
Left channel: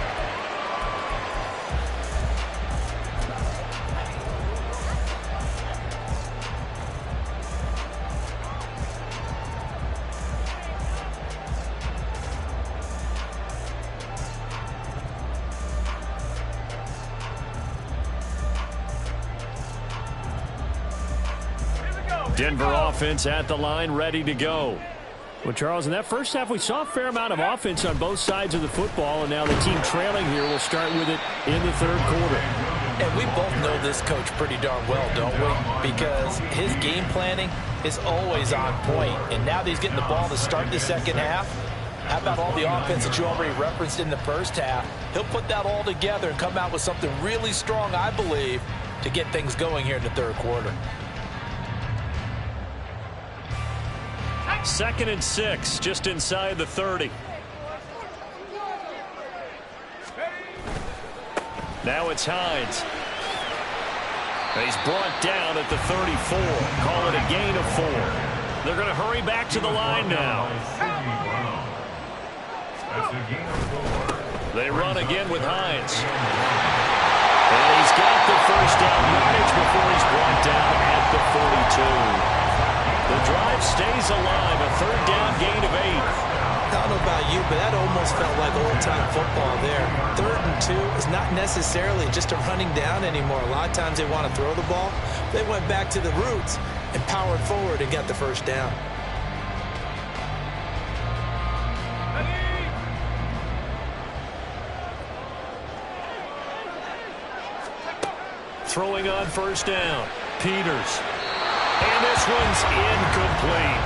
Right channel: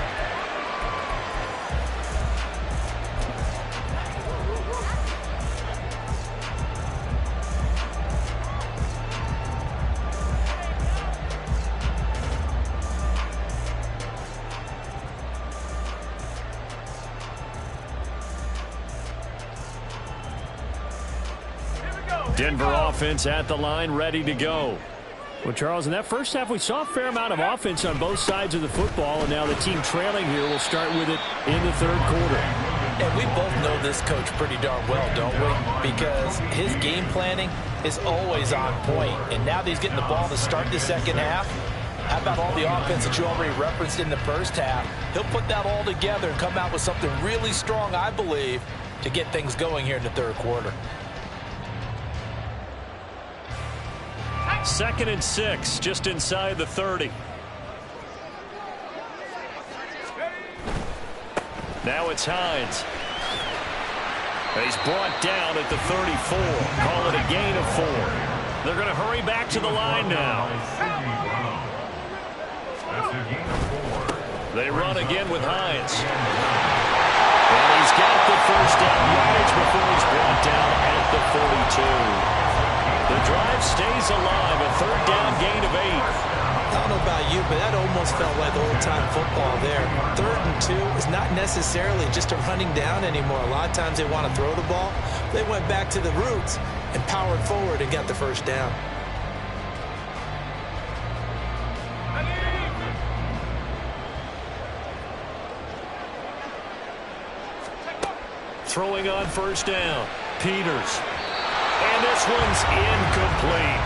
Denver offense at the line, ready to go. Well, Charles, in that first half, we saw a fair amount of offense on both sides of the football, and now the team trailing here will start with it in the third quarter. And we both know this coach pretty darn well, don't we? Because his game planning is always on point. And now that he's getting the ball to start the second half, how about all the offense that you already referenced in the first half? He'll put that all together and come out with something really strong, I believe, to get things going here in the third quarter. 2nd and 6, just inside the 30. Now it's Hines. He's brought down at the 34. Call it a gain of 4. They're going to hurry back to the line now. They run again with Hines. And he's got the first down yardage before he's brought down at the 42. The drive stays alive, a third down gain of 8. I don't know about you, but that almost felt like old-time football there. 3rd and 2 is not necessarily just a running down anymore. A lot of times they want to throw the ball. They went back to the roots and powered forward and got the first down. Throwing on first down, Peters. And this one's incomplete.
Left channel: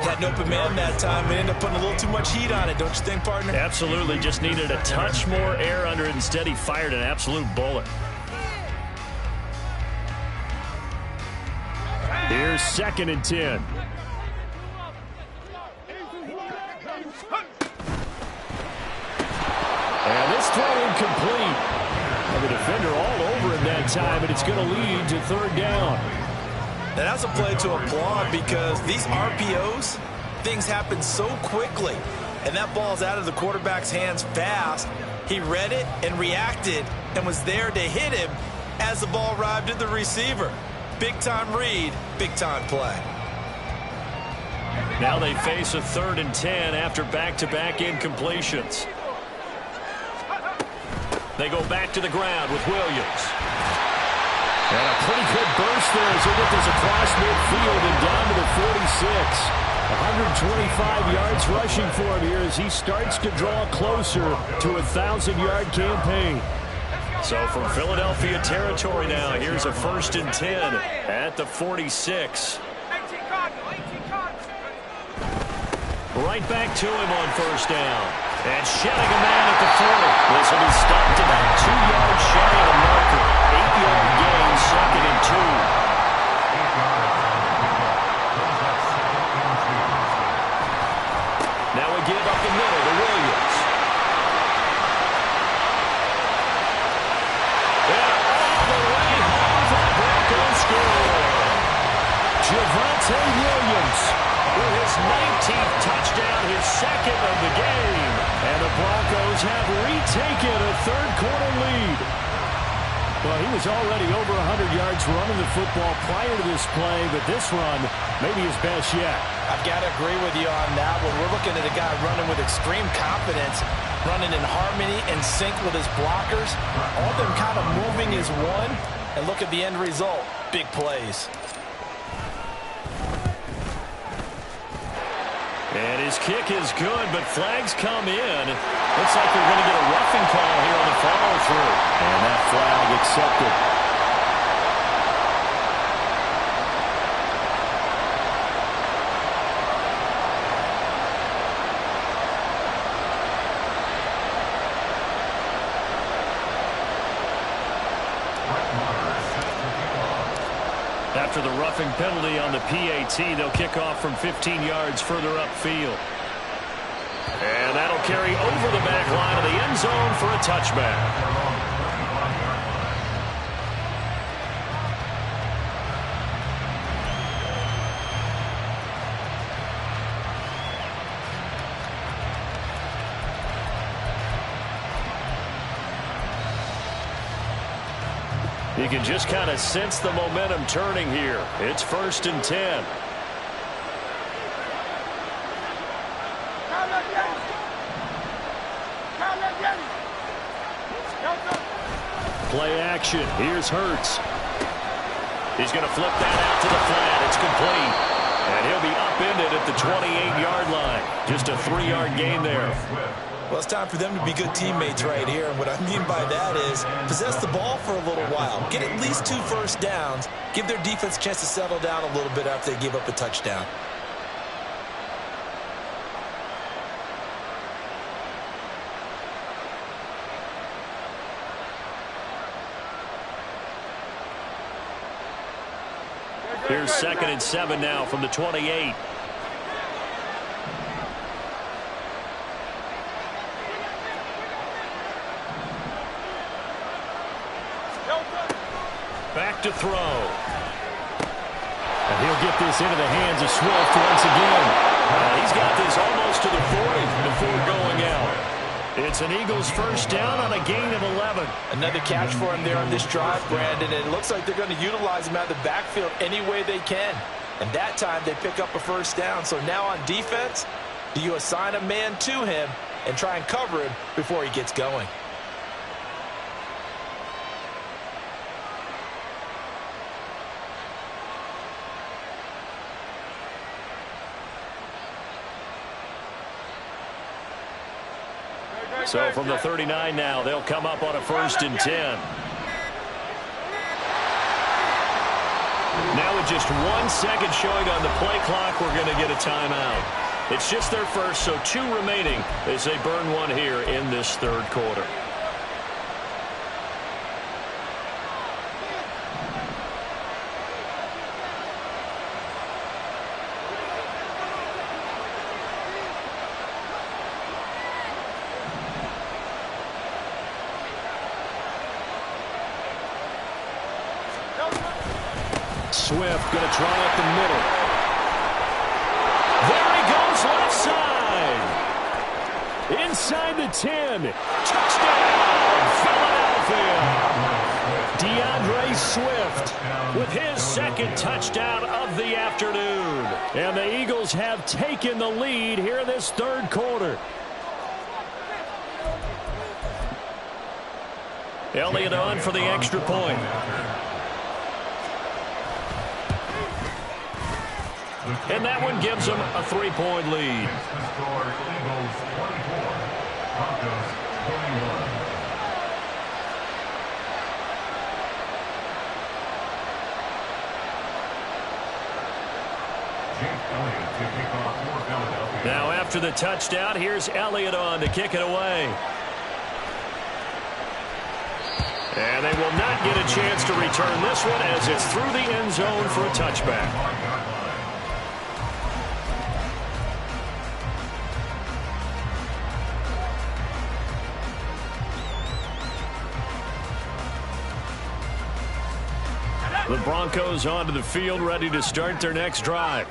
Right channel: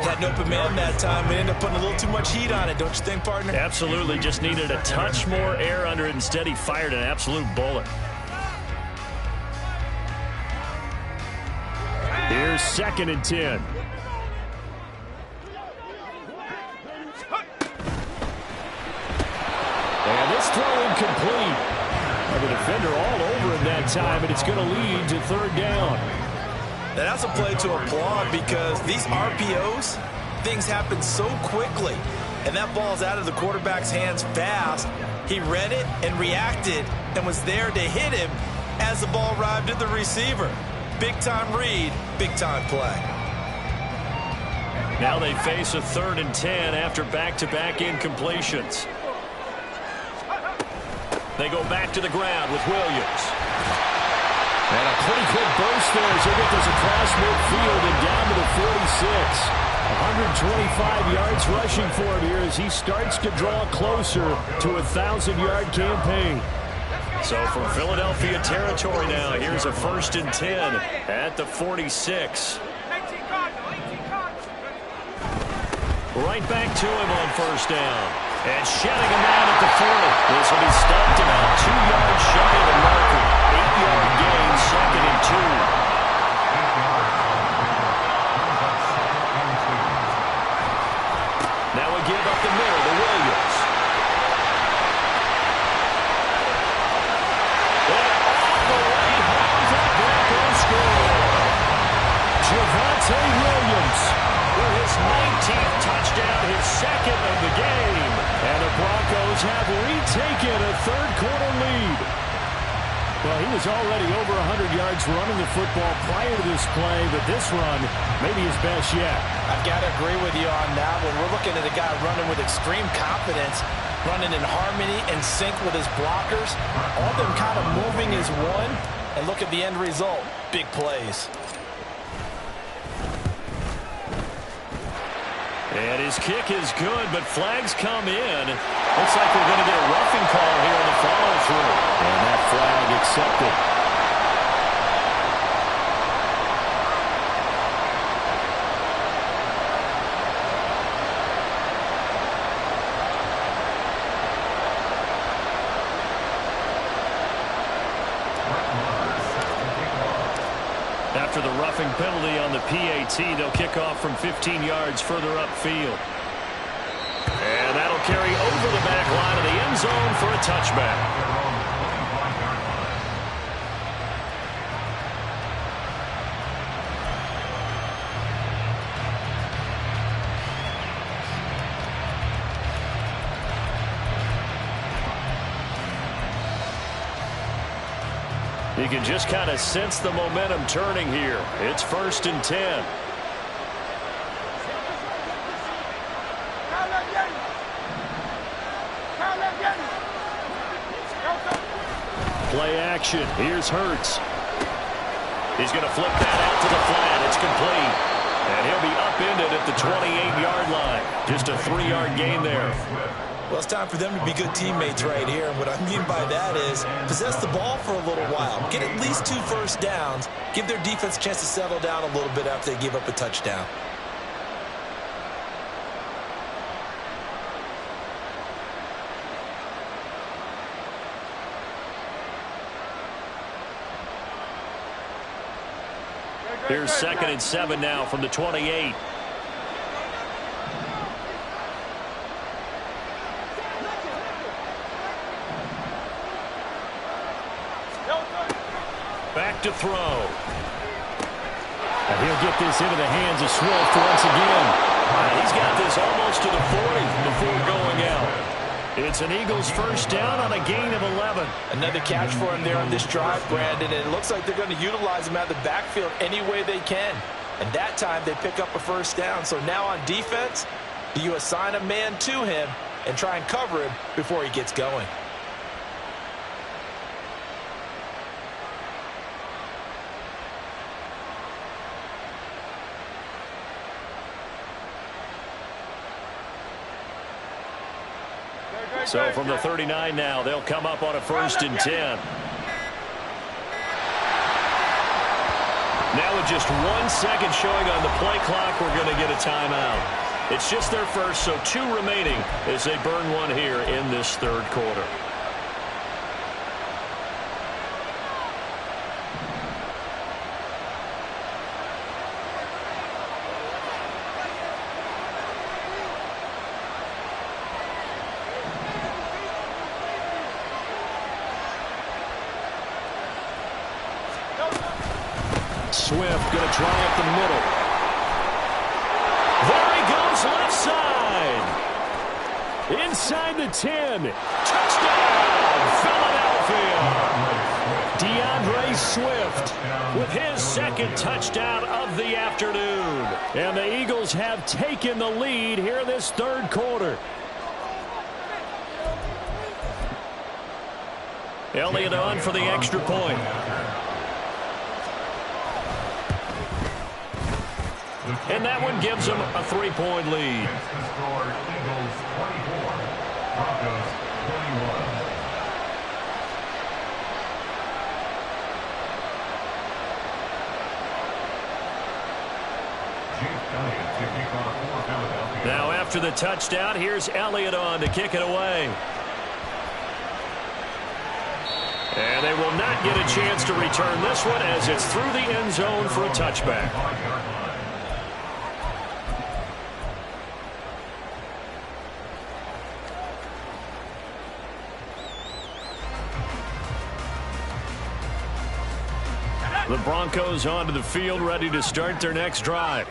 Had an open man that time. It ended up putting a little too much heat on it, don't you think, partner? Absolutely. Just needed a touch more air under it. Instead, he fired an absolute bullet. Here's 2nd and 10. And this throw incomplete. The defender all over him that time, and it's going to lead to third down. And that's a play to applaud because these RPOs, things happen so quickly. And that ball's out of the quarterback's hands fast. He read it and reacted and was there to hit him as the ball arrived at the receiver. Big-time read, big-time play. Now they face a 3rd and 10 after back-to-back incompletions. They go back to the ground with Williams. And a pretty good burst there as he gets us across midfield and down to the 46. 125 yards rushing for him here as he starts to draw closer to a 1,000-yard campaign. So from Philadelphia territory now, here's a 1st and 10 at the 46. Right back to him on first down. And shedding a man at the 40. This will be stopped about 2 yards shy of the marker. 8-yard gain, 2nd and 2. Now Javonte Williams with his 19th touchdown, his second of the game. And the Broncos have retaken a third-quarter lead. Well, he was already over 100 yards running the football prior to this play, but this run may be his best yet. I've got to agree with you on that one. We're looking at a guy running with extreme confidence, running in harmony and sync with his blockers. All of them kind of moving as one. And look at the end result. Big plays. And his kick is good, but flags come in. Looks like we're going to get a roughing call here on the follow-through. And that flag accepted. After the roughing penalty on the PAT, they'll kick off from 15 yards further upfield. And that'll carry over the back line of the end zone for a touchback. You can just kind of sense the momentum turning here. It's 1st and 10. Play action. Here's Hurts. He's going to flip that out to the flat. It's complete. And he'll be upended at the 28-yard line. Just a 3-yard gain there. Well, it's time for them to be good teammates right here. And what I mean by that is possess the ball for a little while. Get at least 2 first downs. Give their defense a chance to settle down a little bit after they give up a touchdown. Here's 2nd and 7 now from the 28. Back to throw. And he'll get this into the hands of Swift once again. He's got this almost to the 40 before going out. It's an Eagles first down on a gain of 11. Another catch for him there on this drive, Brandon, and it looks like they're going to utilize him out of the backfield any way they can. And that time they pick up a first down. So now on defense, do you assign a man to him and try and cover him before he gets going? So from the 39 now, they'll come up on a 1st and 10. Now with just 1 second showing on the play clock, we're going to get a timeout. It's just their first, so 2 remaining as they burn one here in this third quarter. Swift going to try up the middle. There he goes left side. Inside the 10. Touchdown, Philadelphia. DeAndre Swift with his 2nd touchdown of the afternoon. And the Eagles have taken the lead here this third quarter. Elliott on for the extra point. And that one gives them a 3-point lead. Eagles 24, Broncos 21. Jake Elliott to kick off for Philadelphia. Now after the touchdown, here's Elliott on to kick it away. And they will not get a chance to return this one as it's through the end zone for a touchback. The Broncos onto the field, ready to start their next drive.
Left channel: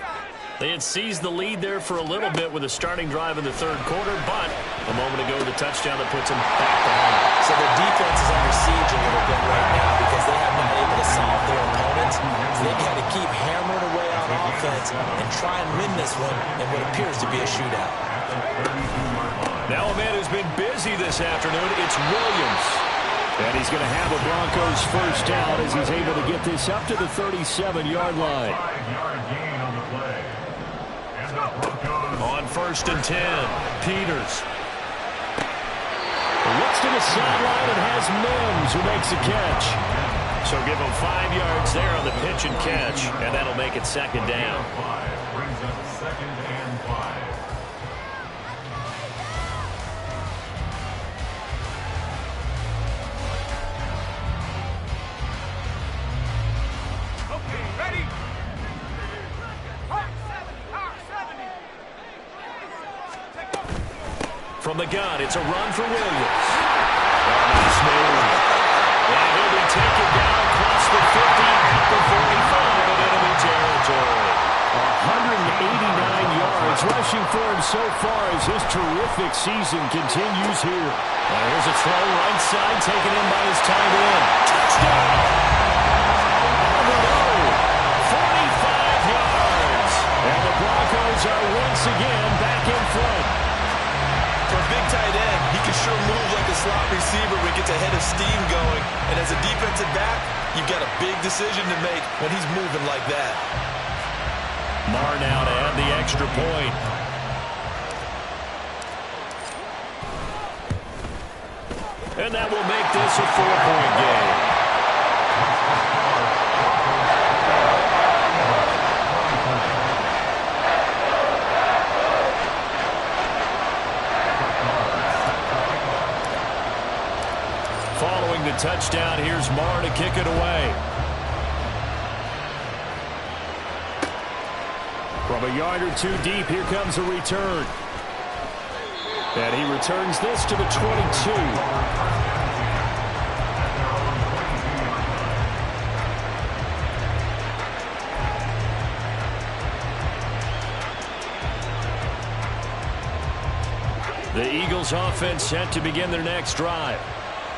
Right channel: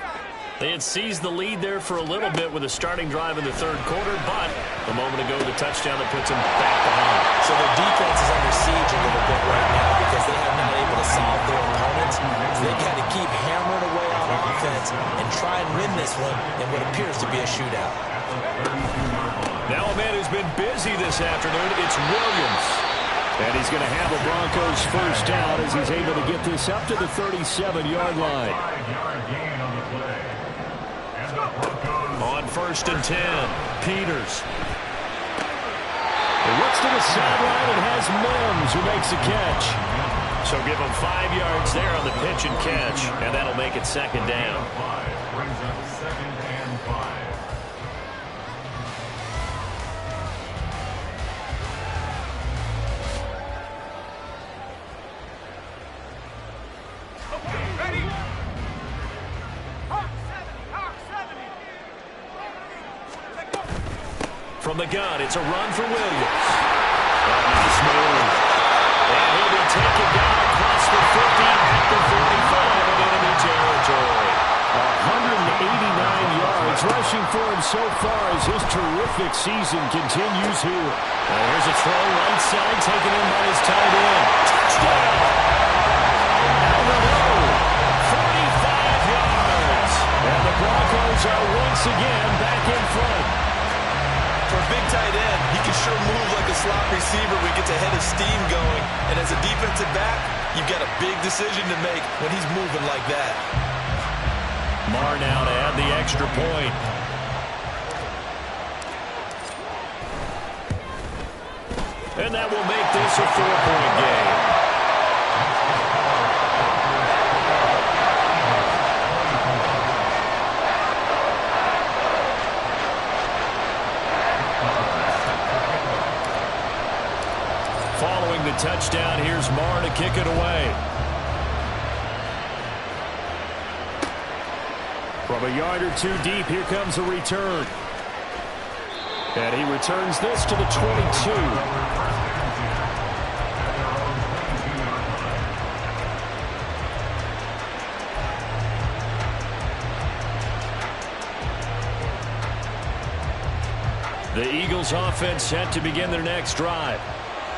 They had seized the lead there for a little bit with a starting drive in the third quarter, but a moment ago, the touchdown that puts them back behind. So their defense is under siege a little bit right now because they have not able to solve their opponents. So they've got to keep hammering away on offense and try and win this one in what appears to be a shootout. Now a man who's been busy this afternoon, it's Williams. And he's going to have a Broncos first down as he's able to get this up to the 37-yard line. 5-yard gain on the play. And the Broncos On 1st and 10, Peters. Looks to the sideline and has Mims who makes a catch. So give him 5 yards there on the pitch and catch, and that'll make it second down. 5 brings up 2nd and 5. From the gun, it's a run for Williams. Oh, nice move. And he'll be taken down across the 50 at the 45 in enemy territory. 189 yards rushing for him so far as his terrific season continues here. Now here's a throw right side taken in by his tight end. Touchdown! Alvaro, 45 yards. And the Broncos are once again back in front. For a big tight end, he can sure move like a slot receiver when he gets a head of steam going. And as a defensive back, you've got a big decision to make when he's moving like that. Marr now to add the extra point. And that will make this a 4-point game. Following the touchdown, here's Marr to kick it away. From a yard or two deep, here comes a return. And he returns this to the 22. The Eagles offense set to begin their next drive.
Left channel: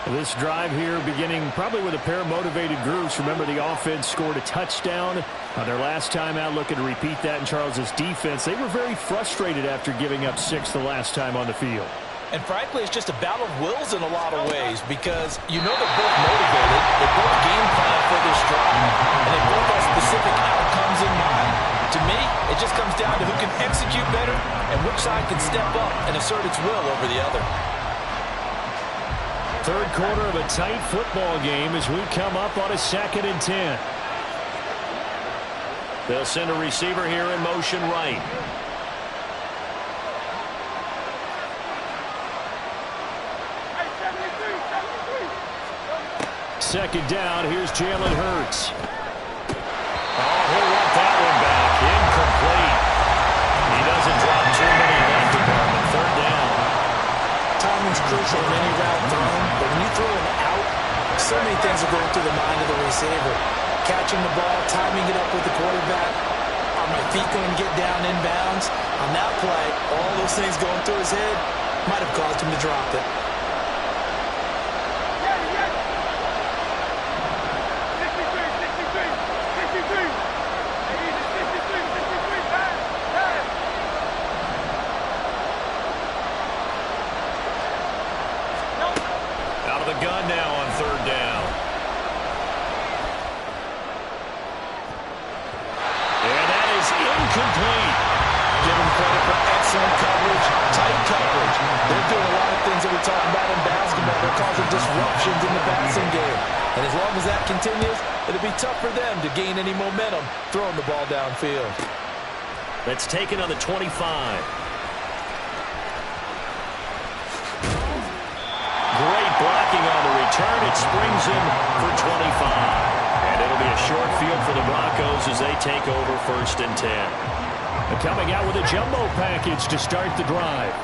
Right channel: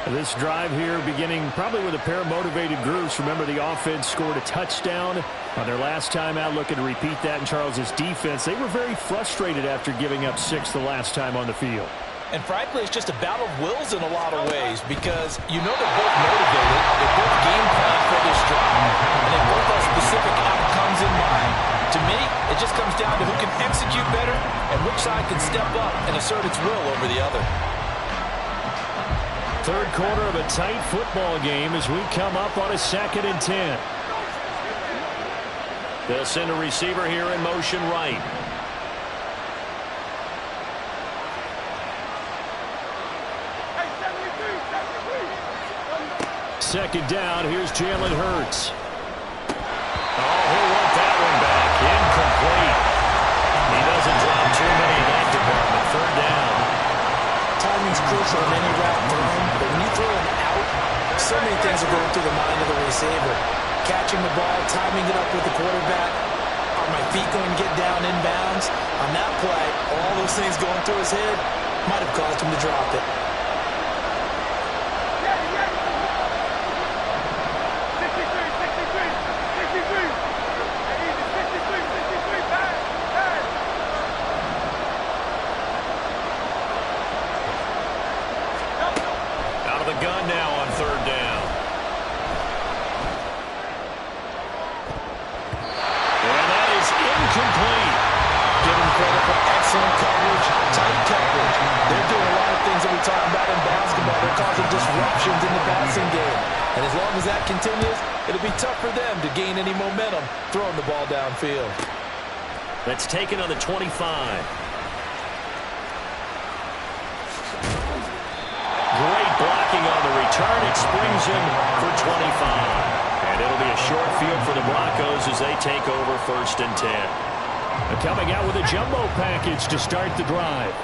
This drive here beginning probably with a pair of motivated groups. Remember, the offense scored a touchdown on their last time out. Looking to repeat that in Charles's defense. They were very frustrated after giving up 6 the last time on the field. And frankly, it's just a battle of wills in a lot of ways because you know they're both motivated. They both game plan for this drive, and they both have specific outcomes in mind. To me, it just comes down to who can execute better and which side can step up and assert its will over the other. Third quarter of a tight football game as we come up on a 2nd and 10. They'll send a receiver here in motion right. Second down, here's Jalen Hurts. Oh, he'll want that one back. Incomplete. He doesn't drop too many in that department. Third down. Timing's crucial in any route thrown, but when you throw an out, so many things are going through the mind of the receiver. Catching the ball, timing it up with the quarterback. Are my feet going to get down in bounds? On that play, all those things going through his head might have caused him to drop it. Out of the gun now on third down. And that is incomplete. Give them credit for excellent coverage, tight coverage. They're doing a lot of things that we talk about in basketball. They're causing disruptions in the passing game. And as long as that continues, it'll be tough for them to gain any momentum throwing the ball downfield. That's taken on the 25. Great blocking on the return. It springs him for 25. And it'll be a short field for the Broncos as they take over 1st and 10. Coming out with a jumbo package to start the drive.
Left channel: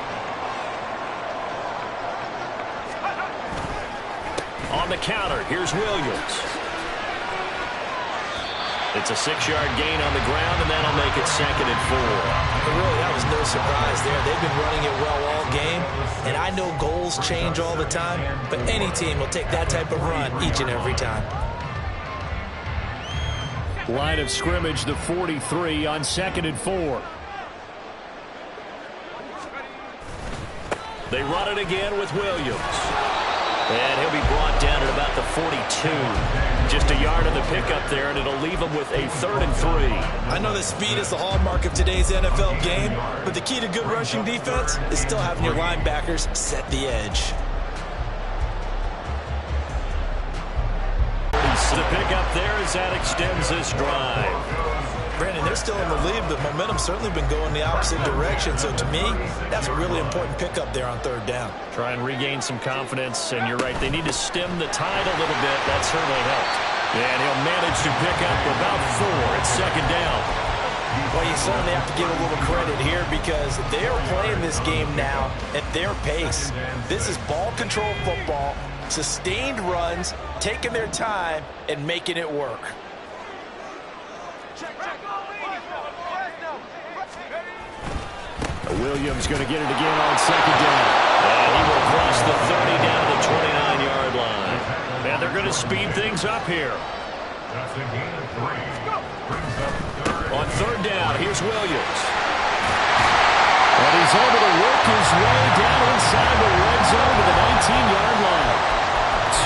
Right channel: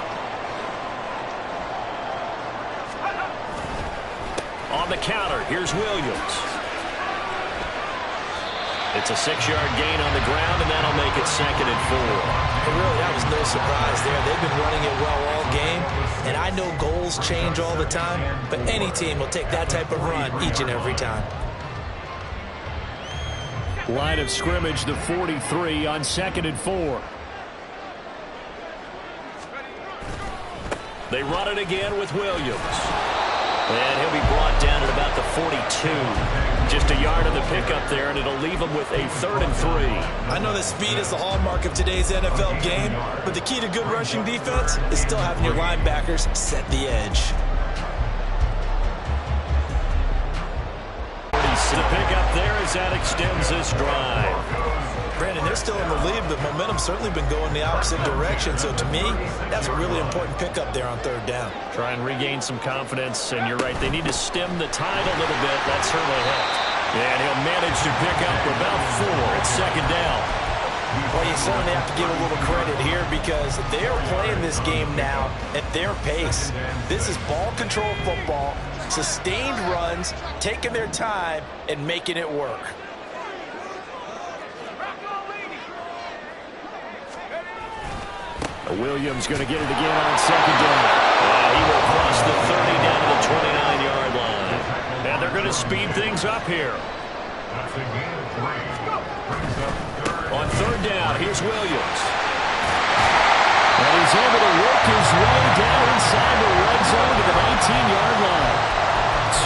On the counter, here's Williams. It's a 6-yard gain on the ground, and that'll make it 2nd and 4. But really, that was no surprise there. They've been running it well all game, and I know goals change all the time, but any team will take that type of run each and every time. Line of scrimmage, the 43 on 2nd and 4. They run it again with Williams. And he'll be brought down at about the 42. Just a yard on the pickup there, and it'll leave him with a 3rd and 3. I know that speed is the hallmark of today's NFL game, but the key to good rushing defense is still having your linebackers set the edge. The pickup there as that extends this drive. Brandon, they're still in the lead, but momentum's certainly been going the opposite direction. So to me, that's a really important pickup there on 3rd down. Try and regain some confidence, and you're right. They need to stem the tide a little bit. That certainly helped. And he'll manage to pick up about 4. It's 2nd down. Well, you certainly have to give a little credit here because they're playing this game now at their pace. This is ball control football, sustained runs, taking their time, and making it work. Williams going to get it again on 2nd down. And he will cross the 30 down to the 29-yard line. And they're going to speed things up here. That's a gain of 3. Brings up 3rd. On 3rd down, here's Williams. And he's able to work his way down inside the red zone to the 19-yard line.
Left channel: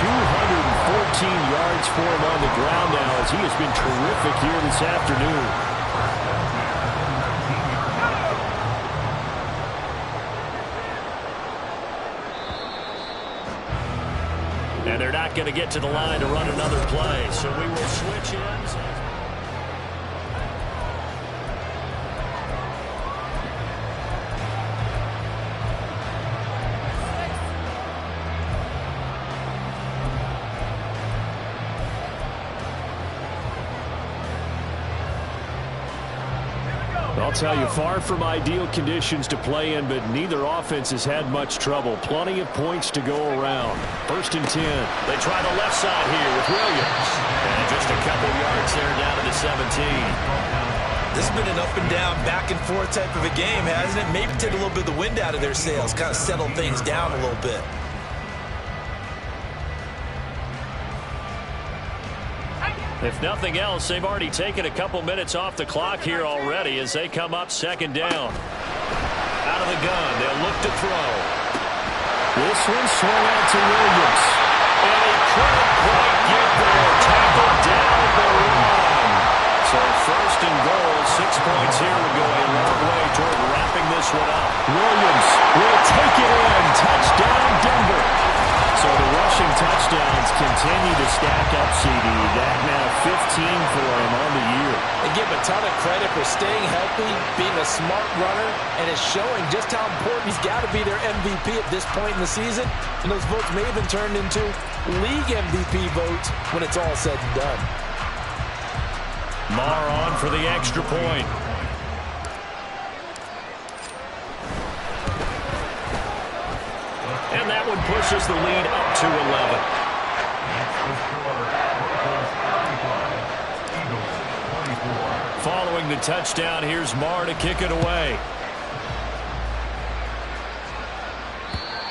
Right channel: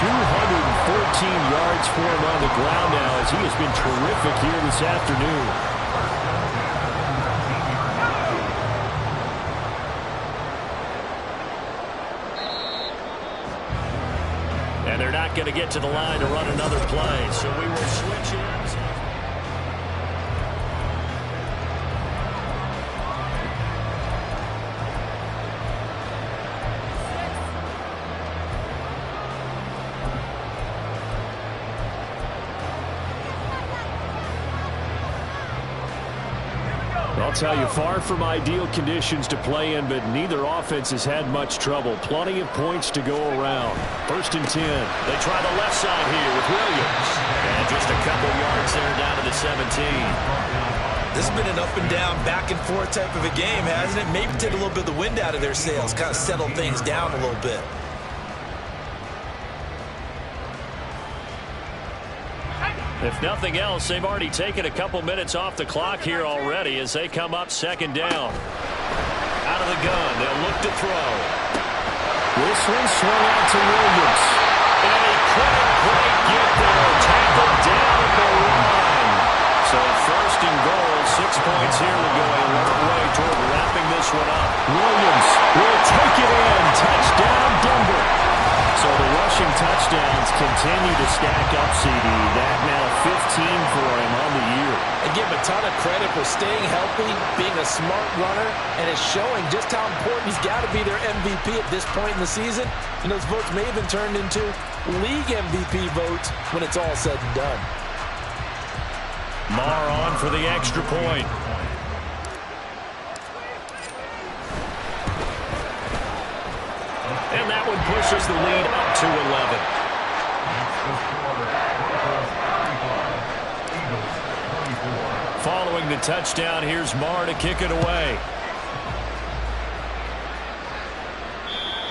214 yards for him on the ground now as he has been terrific here this afternoon. And they're not going to get to the line to run another play, so we will switch ends. I'll tell you, far from ideal conditions to play in, but neither offense has had much trouble. Plenty of points to go around. 1st and 10. They try the left side here with Williams. And just a couple yards there down to the 17. This has been an up and down, back and forth type of a game, hasn't it? Maybe take a little bit of the wind out of their sails, kind of settle things down a little bit. If nothing else, they've already taken a couple minutes off the clock here already as they come up 2nd down. Out of the gun, they'll look to throw. This one swung out to Williams. And he couldn't quite get there. Tackled down at the line. So 1st and goal, 6 points here would go a long way toward wrapping this one up. Williams will take it in. Touchdown, Denver. So the rushing touchdowns continue to stack up, CD. That now 15 for him on the year. And give him a ton of credit for staying healthy, being a smart runner, and it's showing just how important he's got to be their MVP at this point in the season. And those votes may even turn into league MVP votes when it's all said and done. Marr on for the extra point. And that one pushes the lead up to 11. Following the touchdown, here's Marr to kick it away.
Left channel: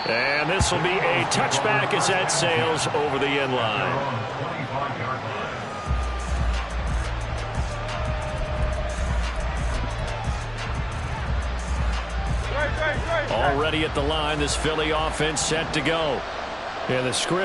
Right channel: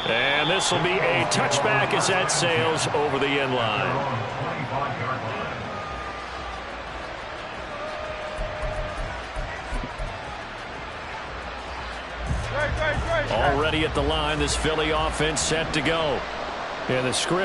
And this will be a touchback as that sails over the end line. Already at the line, this Philly offense set to go. Yeah, the script.